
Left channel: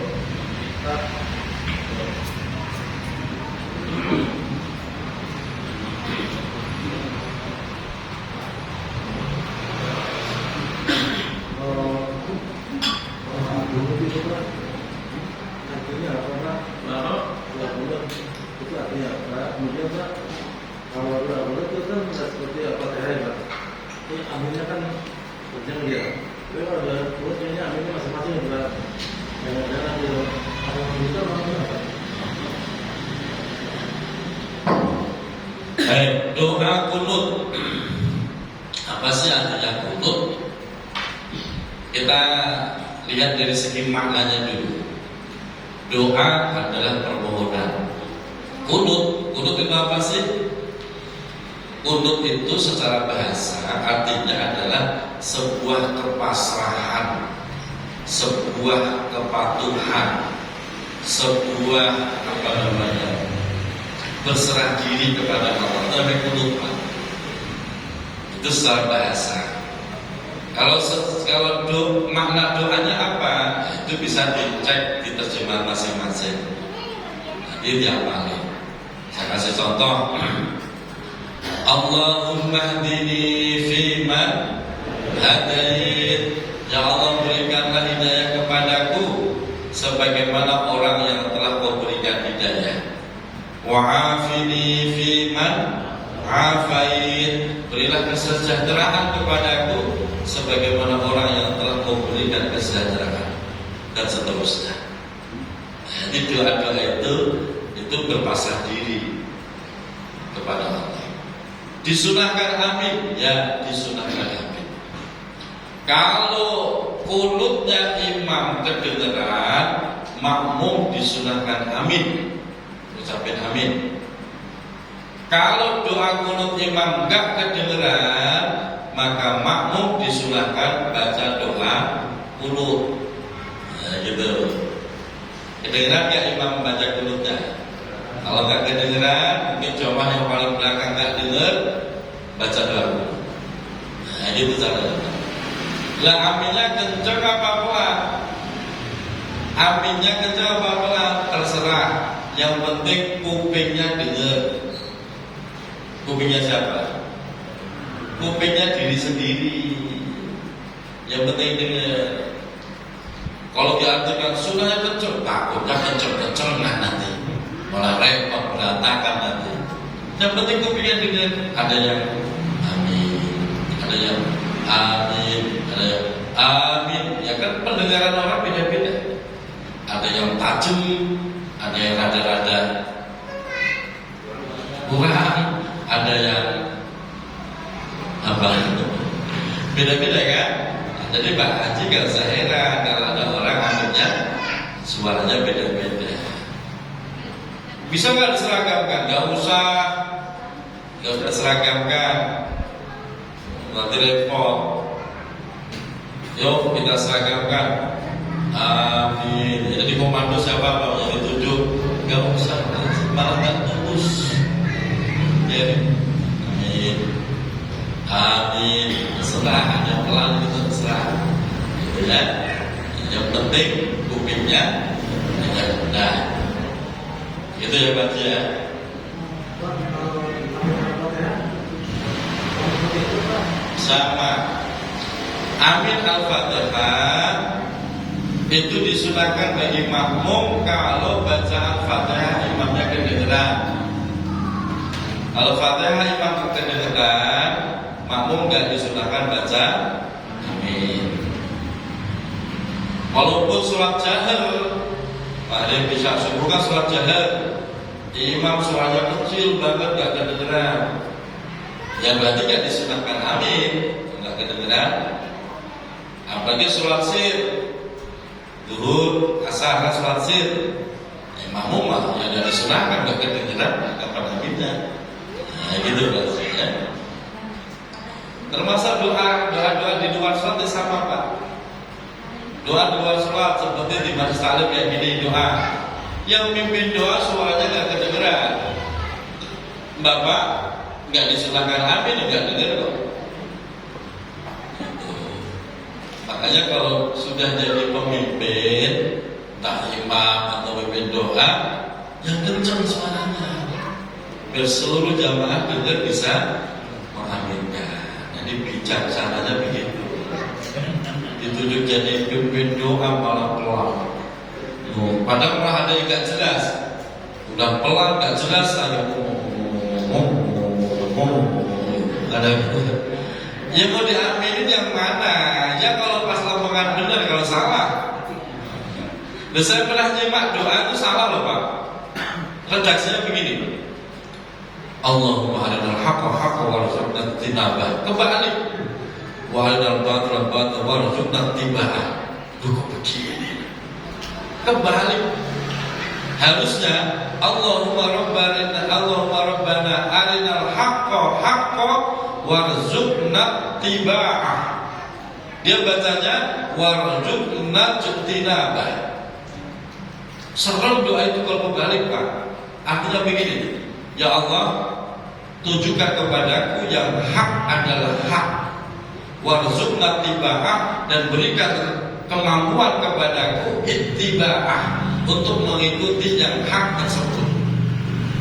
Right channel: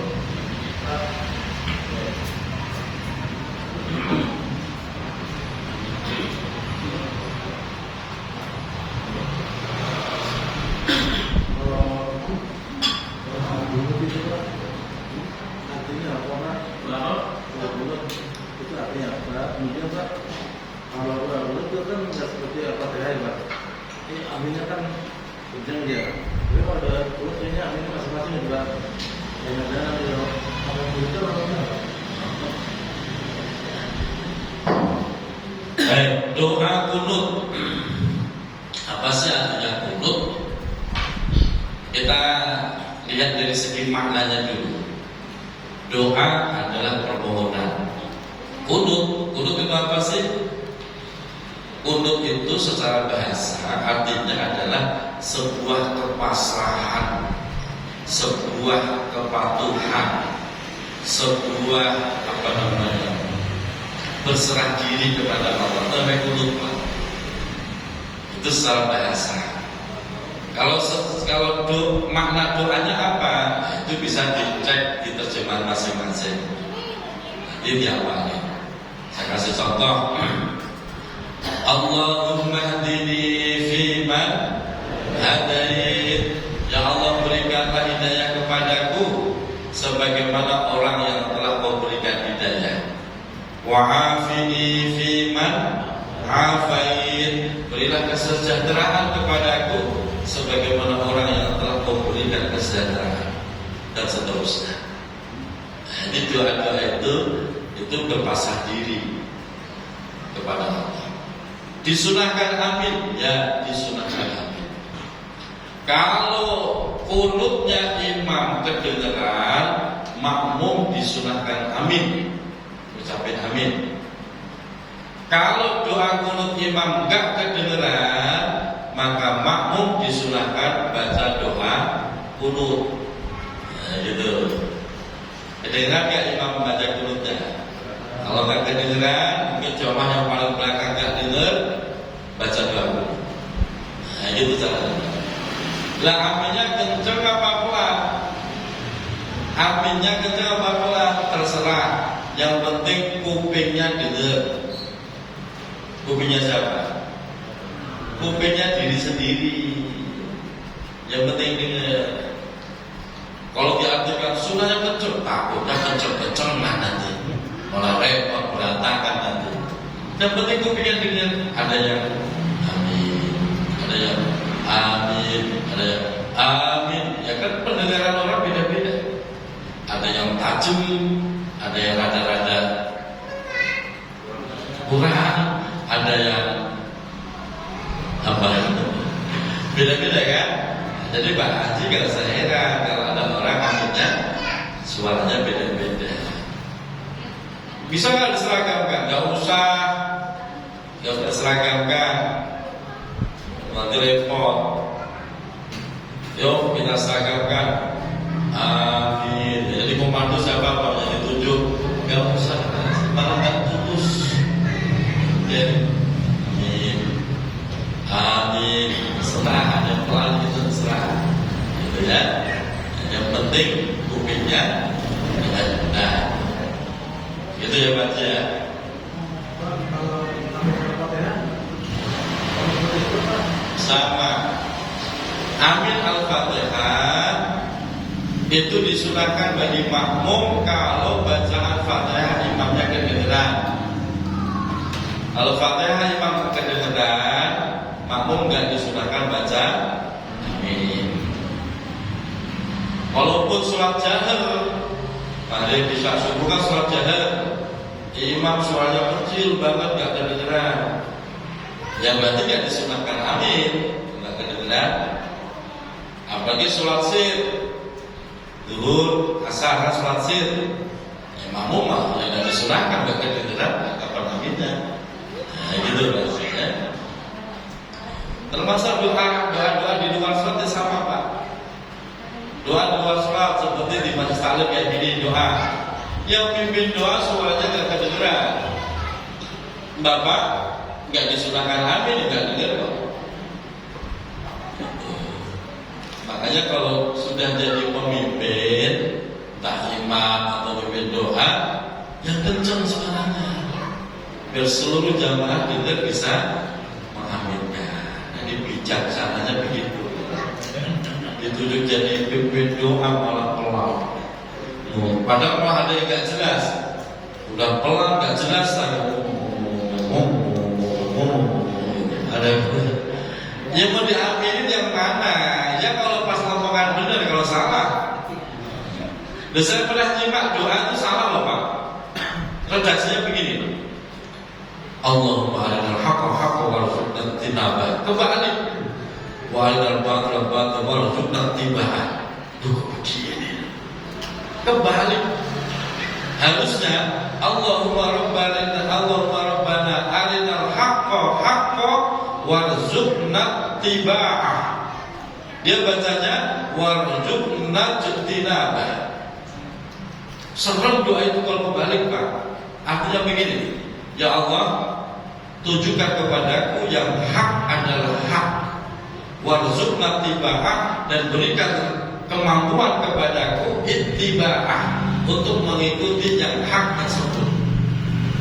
Doa kunut. Apa sih artinya kunut? Kita lihat dari segi maknanya dulu. Doa adalah permohonan. Kunut itu apa sih? Kunut itu secara bahasa artinya adalah sebuah kepasrahan, sebuah kepatuhan, sebuah berserah diri kepada Allah. Itu secara bahasa. Kalau makna doanya apa, itu bisa dicek di terjemahan masing-masing. Ini yang paling. Saya kasih contoh. Allahumma hadini fiman hadait. Ya Allah, berikanlah hidayah kepadaku sebagaimana orang yang telah kau berikan hidayah. Wa'afini fi afait, berilah kesejahteraan kepadaku sebagaimana orang yang telah kau berikan kesejahteraan, dan seterusnya. Jadi doa-doa itu berpasrah diri kepada Allah. Disunahkan amin, ya disunahkan amin. Kalau qunutnya imam kedengeran, makmum disunahkan amin, ucapin amin. Kalau doa qunut imam enggak kedengeran, maka makmum disunahkan baca doa qunut. Nah, gitu. Kedengeran ya imam membaca qunutnya. Kalau enggak kedengeran, mungkin jamaah yang paling belakang enggak dengar, baca doa qunut. Nah, gitu caranya. Lah aminnya kenceng apa pelan? Aminnya kenceng apa pelan? Terserah. Yang penting kupingnya dengar. Kupingnya siapa? Kupingnya diri sendiri. Yang penting dengar. Kalau diartikan sunahnya kenceng, takutnya kenceng-kencengan nanti, malah repot berantakan nanti. Yang penting kupingnya dengar. Ada yang amin, ada yang amin, ada yang amin. Ya kan pendengaran orang beda-beda. Ada yang tajam, ada yang rada-rada kurang, ada yang apa itu beda-beda kan. Jadi Pak Haji gak usah heran kalau ada orang aminnya suaranya beda-beda. Bisa nggak diseragamkan? Gak usah diseragamkan, nanti repot. Yuk kita seragamkan. Amin. Jadi komando siapa kalau yang ditunjuk? Gak usah, malah gak tulus. Jadi amin, amin. Serah yang pelan itu serah, gitu ya. Yang penting kupingnya benar. Itu ya Pak ya. Sama. Amin al-Fatihah itu disunahkan bagi makmum kalau bacaan Fatihah imamnya kedengeran. Kalau Fatihah imam kedengeran, makmum nggak disunahkan baca amin. Walaupun surat jahar, ada yang bisa suruh kan surat jahar, imam suaranya kecil banget nggak kedengeran, yang berarti nggak disunahkan amin, nggak kedengeran. Apalagi surat sir, zuhur, asar, surat sir, makmum mah yang nggak disunahkan nggak kedengeran, kapan aminnya? Nah, gitu bahasanya. Termasuk doa di luar sholat sama Pak. Doa di luar sholat seperti di majelis taklim kayak gini doa. Yang pimpin doa suaranya nggak kedengeran, Bapak nggak disunahkan amin, nggak dengar kok. Makanya kalau sudah jadi pemimpin, entah imam atau pemimpin doa, yang kencang suaranya, biar seluruh jamaah dengar bisa mengaminkan. Jadi bijaksananya begitu. Ditunjuk jadi pimpin doa malah pelan. Padahal malah ada yang nggak jelas, udah pelan nggak jelas, ada ada yang mau diaminin yang mana? Ya kalau pas lomongan benar, kalau salah. Dan saya pernah nyimak doa itu salah loh Pak. Redaksinya begini. Allahumma arinal haqqa haqqan warzuqna ittinabah. Kebalik. Wa arinal batila batilan warzuqna ittiba'ah. Itu kok begini? Kebalik. Harusnya Allahumma rabbana arinal haqqa haqqan warzuqna ittiba'ah. Dia bacanya warzuqna ittinabah. Serem doa itu kalau kebalik Pak. Artinya begini. Ya Allah, tunjukkan kepadaku yang hak adalah hak, warzuqna ittiba'ah, dan berikan kemampuan kepadaku ittiba'ah untuk mengikuti yang hak tersebut.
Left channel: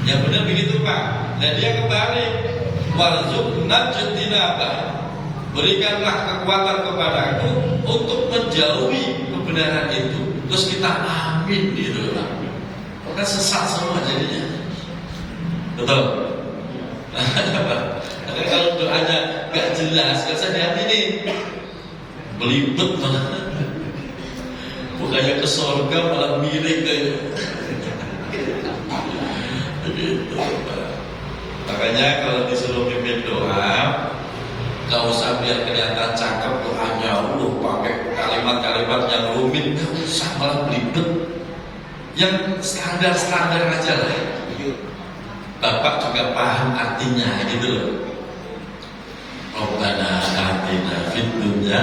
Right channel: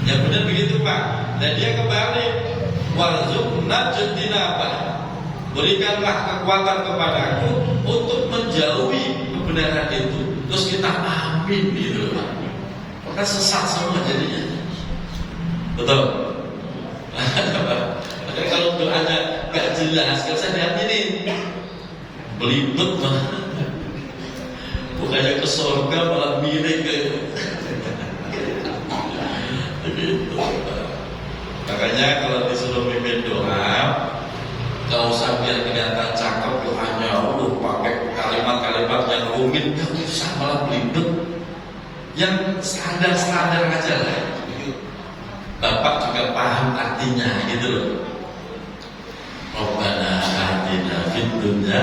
Yang benar begitu Pak. Dan dia kembali warzuqna ittinabah, berikanlah kekuatan kepadaku untuk menjauhi kebenaran itu. Terus kita amin gitu Pak. Maka sesat semua jadinya. Betul. Kalau doanya nggak jelas, nggak usah diaminin. Belibet malah. Bukannya ke surga malah miring ke. Begitu. Makanya kalau disuruh pimpin doa, nggak usah biar kelihatan cakep doanya, pakai kalimat-kalimat yang rumit, nggak usah, malah belibet. Yang standar-standar aja lah. Bapak juga paham artinya gitu loh. Rabbana atina fid dunya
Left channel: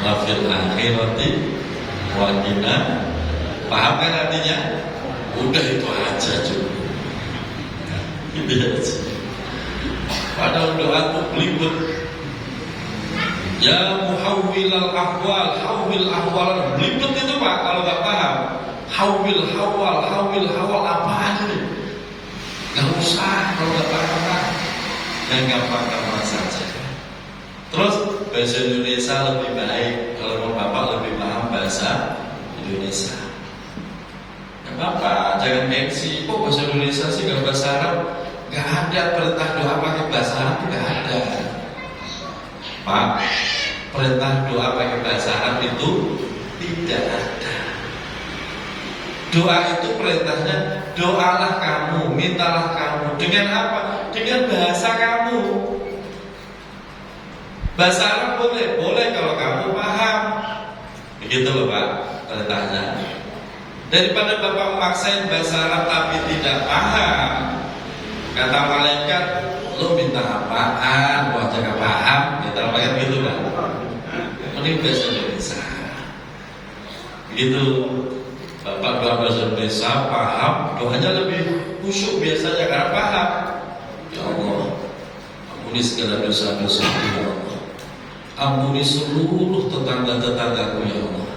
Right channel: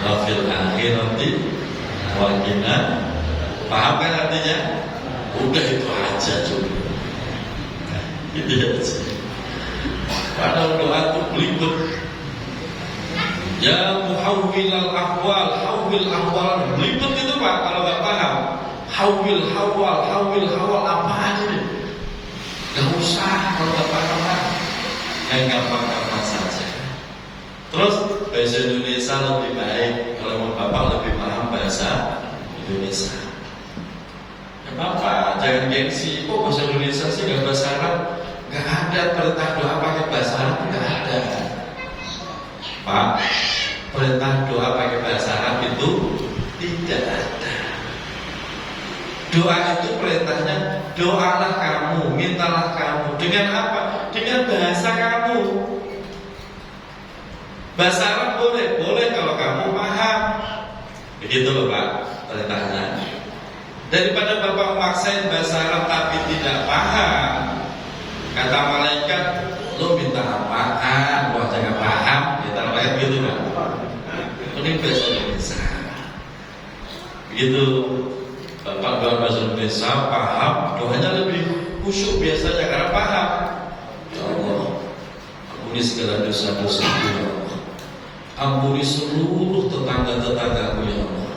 wa fil akhirati wa qina. Paham kan artinya? Udah itu aja cukup. Gitu aja. Padahal doa itu belibet. Ya muhawwilal ahwal, hawwil ahwal. Belibet itu Pak kalau nggak paham. Hawwil hawal apaan ini? Gak usah kalau nggak paham. Yang gampang-gampang saja. Terus bahasa Indonesia lebih baik. Kalau mau Bapak lebih paham bahasa Indonesia. Ya Bapak jangan gengsi. Kok bahasa Indonesia sih gak bahasa Arab? Gak ada perintah doa pakai bahasa Arab, gak ada. Pak, perintah doa pakai bahasa Arab itu tidak ada. Doa itu perintahnya, doalah kamu, mintalah kamu. Dengan apa? Dengan bahasa kamu. Bahasa Arab boleh kalau kamu paham. Begitu loh Pak, perintahnya. Daripada Bapak memaksain bahasa Arab tapi tidak paham, kata malaikat, lo minta apaan? Wah jangan paham. Kita malaikat gitu Pak. Ini bahasa Indonesia. Begitu. Bapak doa bahasa Indonesia paham, doanya lebih khusyuk biasanya karena paham. Ya Allah, ampuni segala dosa-dosaku ya Allah. Ampuni seluruh tetangga-tetanggaku ya Allah.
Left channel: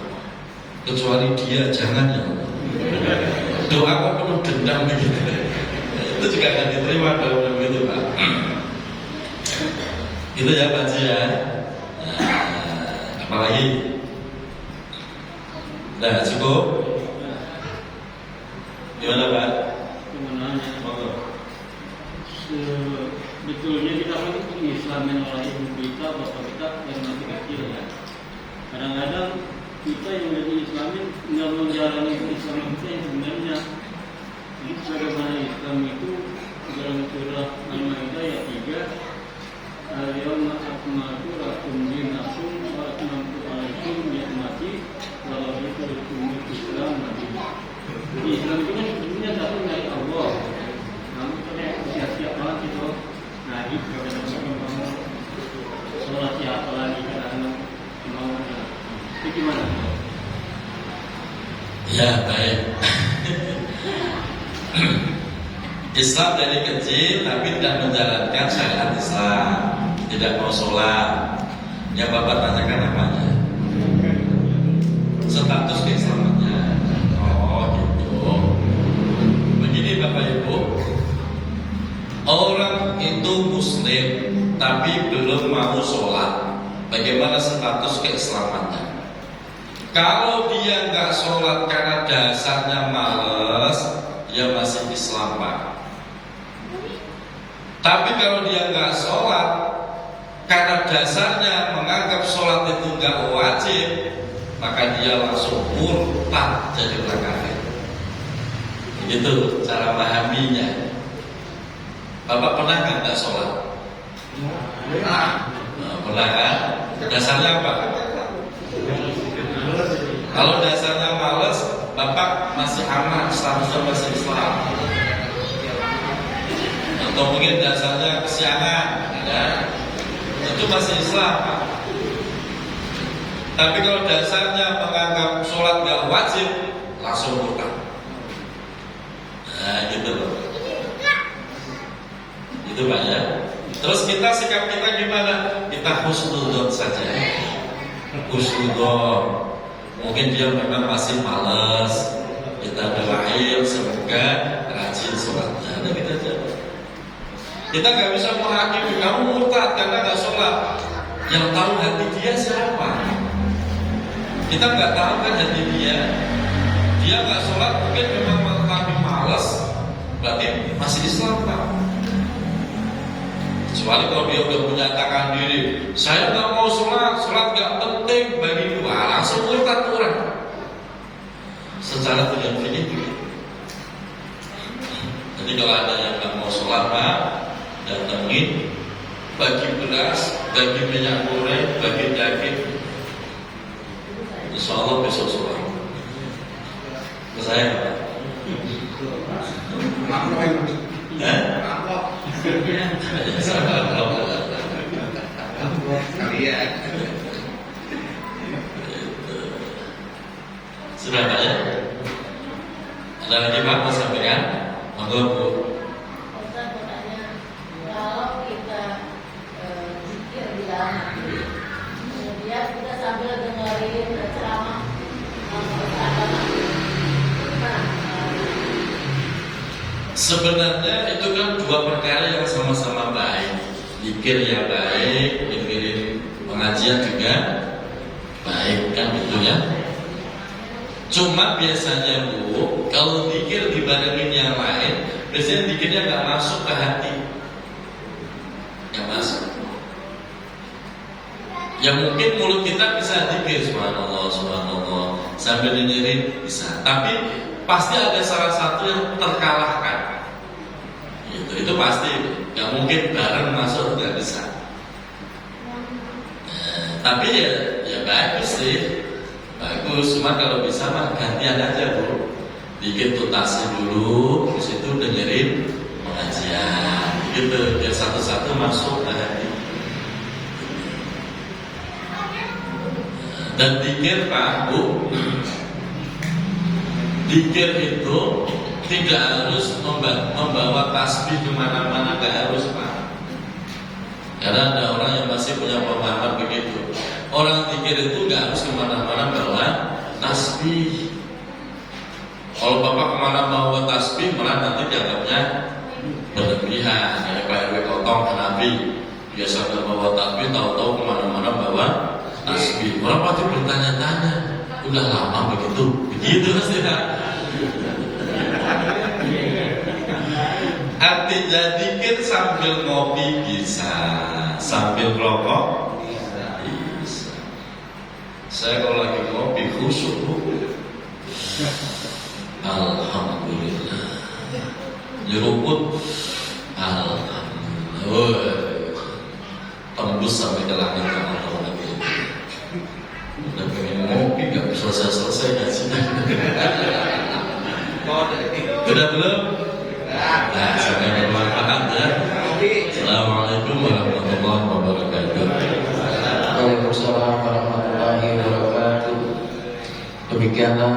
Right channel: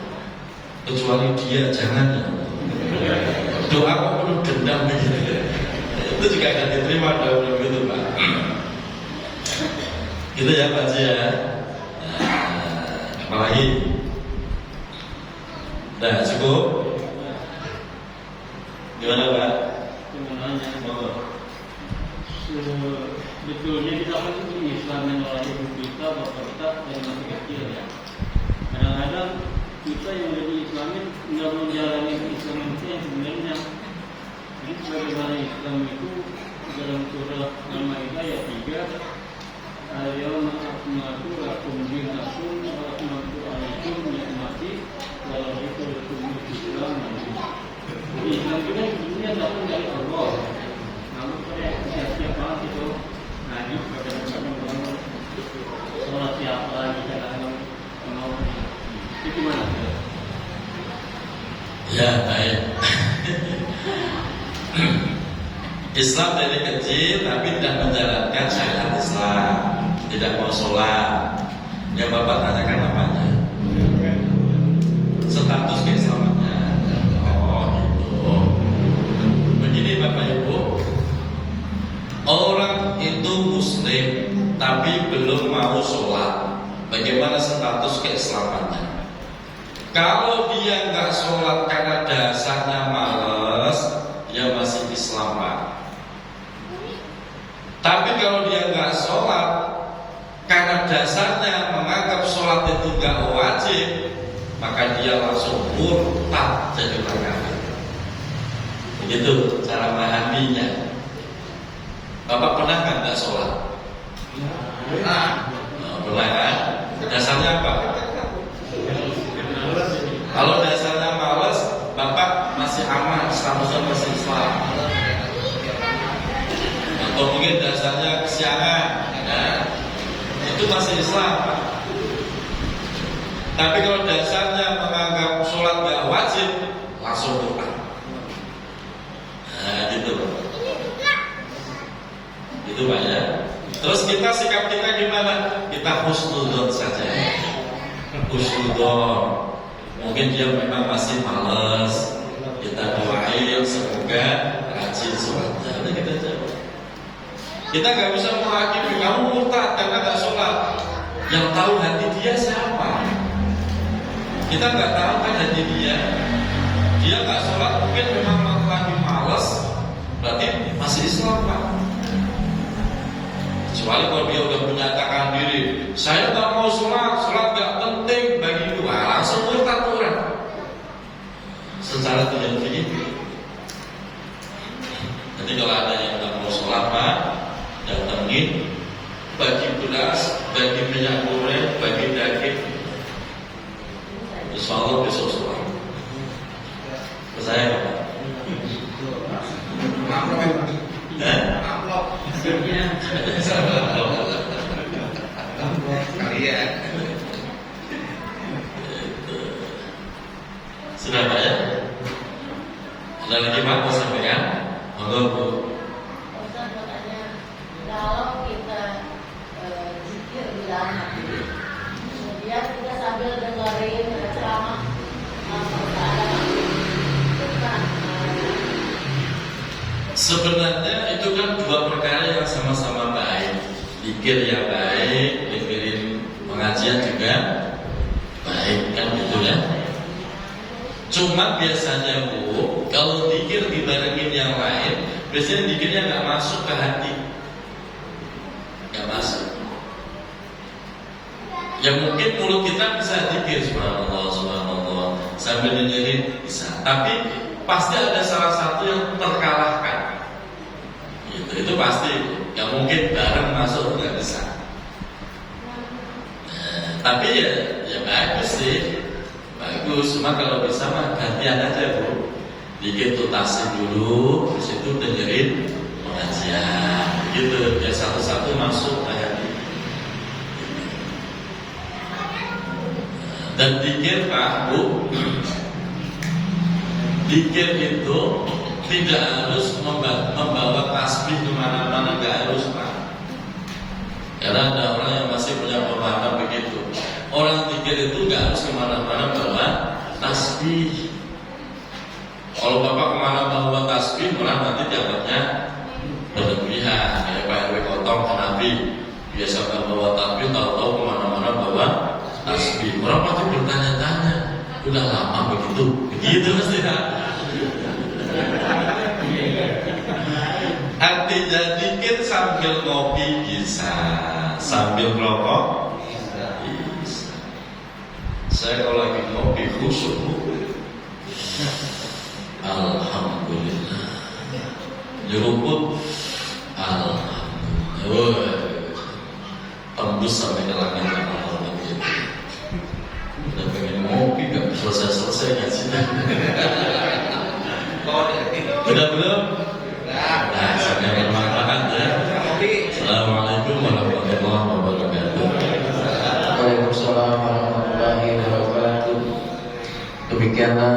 Kecuali dia jangan ya Allah. Doa kok penuh dendam begitu. Itu juga akan diterima doa begitu Pak. Itu ya Pak Haji ya. Apalagi? Nah cukup. Gimana Pak? Sebetulnya kita kan Islam yang lain kita berkata dan kecil. Kadang-kadang kita yang dari Islam tidak menjalani Islam kita yang sebenarnya. Jadi sebagai Islam itu dalam surah Al-Maidah ayat 3, al-yawma akmaltu lakum dinakum wa atmamtu alaikum ni'mati wa raditu lakumul Islam nabiyya. Islam itu sebenarnya datang dari Allah. Namun kita siap-siap banget itu Nabi kepada orang-orang sholat siapa lagi kadang mau itu gimana? Ya baik. Islam dari kecil tapi tidak menjalankan syariat Islam, tidak mau sholat. Ya Bapak tanyakan apanya? Status keislamannya. Begini Bapak Ibu, orang itu muslim tapi belum mau sholat, bagaimana status keislamannya? Kalau dia nggak sholat karena dasarnya males, ya masih Islam Pak. Tapi kalau dia nggak sholat karena dasarnya menganggap sholat itu nggak wajib, maka dia langsung murtad jadi orang kafir. Begitu cara memahaminya. Bapak pernah nggak sholat? Pernah kan? Dasarnya apa? Kalau dasarnya malas, Bapak masih aman, seharusnya masih Islam. Atau mungkin dasarnya kesiangan, ya, itu masih Islam. Tapi kalau dasarnya menganggap sholat gak wajib, langsung murtad. Nah gitu loh. Itu Pak ya. Terus sikap kita gimana? Kita husnudzon saja. Husnudzon. Mungkin dia memang masih malas. Kita doain semoga rajin sholatnya. Nah, kita jawab. Kita nggak bisa menghakimi kamu murtad karena nggak sholat. Yang tahu hati dia siapa? Kita nggak tahu kan hati dia. Dia nggak sholat mungkin memang lagi malas. Berarti masih Islam Pak. Kecuali kalau dia udah menyatakan diri, saya nggak mau sholat nggak penting bagi gua, langsung murtad orang. Secara tidak begitu. Jadi kalau ada yang nggak mau sholat Pak, datangin, bagi beras, bagi minyak goreng, bagi daging. Insya Allah besok sholat. Saya apa? Sudah Pak ya? Ada lagi Pak mau sampaikan? Monggo Bu. Ustaz mau tanya, kalau kita zikir di dalam hati, kemudian kita sambil dengerin ceramah agama, itu gimana? Sebenarnya itu kan dua perkara yang sama-sama baik. Zikir yang baik, dengerin pengajian juga baik, kan gitu ya. Cuma biasanya Bu, kalau zikir dibarengin yang lain, biasanya zikirnya nggak masuk ke hati, nggak masuk. Ya mungkin mulut kita bisa zikir subhanallah, subhanallah sambil dengerin bisa, tapi pasti ada salah satu yang terkalahkan. Itu pasti, nggak mungkin bareng masuk, nggak bisa. Tapi ya bagus sih, bagus. Cuma kalau bisa mah gantian aja Bu, dikit tutasi dulu, di situ dengerin pengajian, gitu. Biar satu-satu masuk ke hati. Dan dikir Pak Bu, dikir itu tidak harus membawa tasbih kemana-mana, nggak harus Pak. Karena ada orang yang masih punya pemahaman begitu. Orang zikir itu nggak harus kemana-mana bawa tasbih. Kalau Bapak kemana bawa tasbih, malah nanti dianggapnya berlebihan. Ya Pak RW Kotong Nabi biasa bawa tasbih, tahu-tahu kemana-mana bawa tasbih. Orang pasti bertanya-tanya, udah lama begitu pasti Pak. Artinya zikir sambil ngopi bisa, sambil rokok bisa. Saya kalau lagi ngopi khusyuk. Alhamdulillah. Nyeruput, alhamdulillah. Tembus sampai ke langit-langit kalau itu. Udah pengen ngopi gak selesai ngajinya. Sudah belum? Nah, sampai bermanfaat ya. Assalamualaikum warahmatullahi wabarakatuh. Waalaikumsalam warahmatullahi wabarakatuh. Demikianlah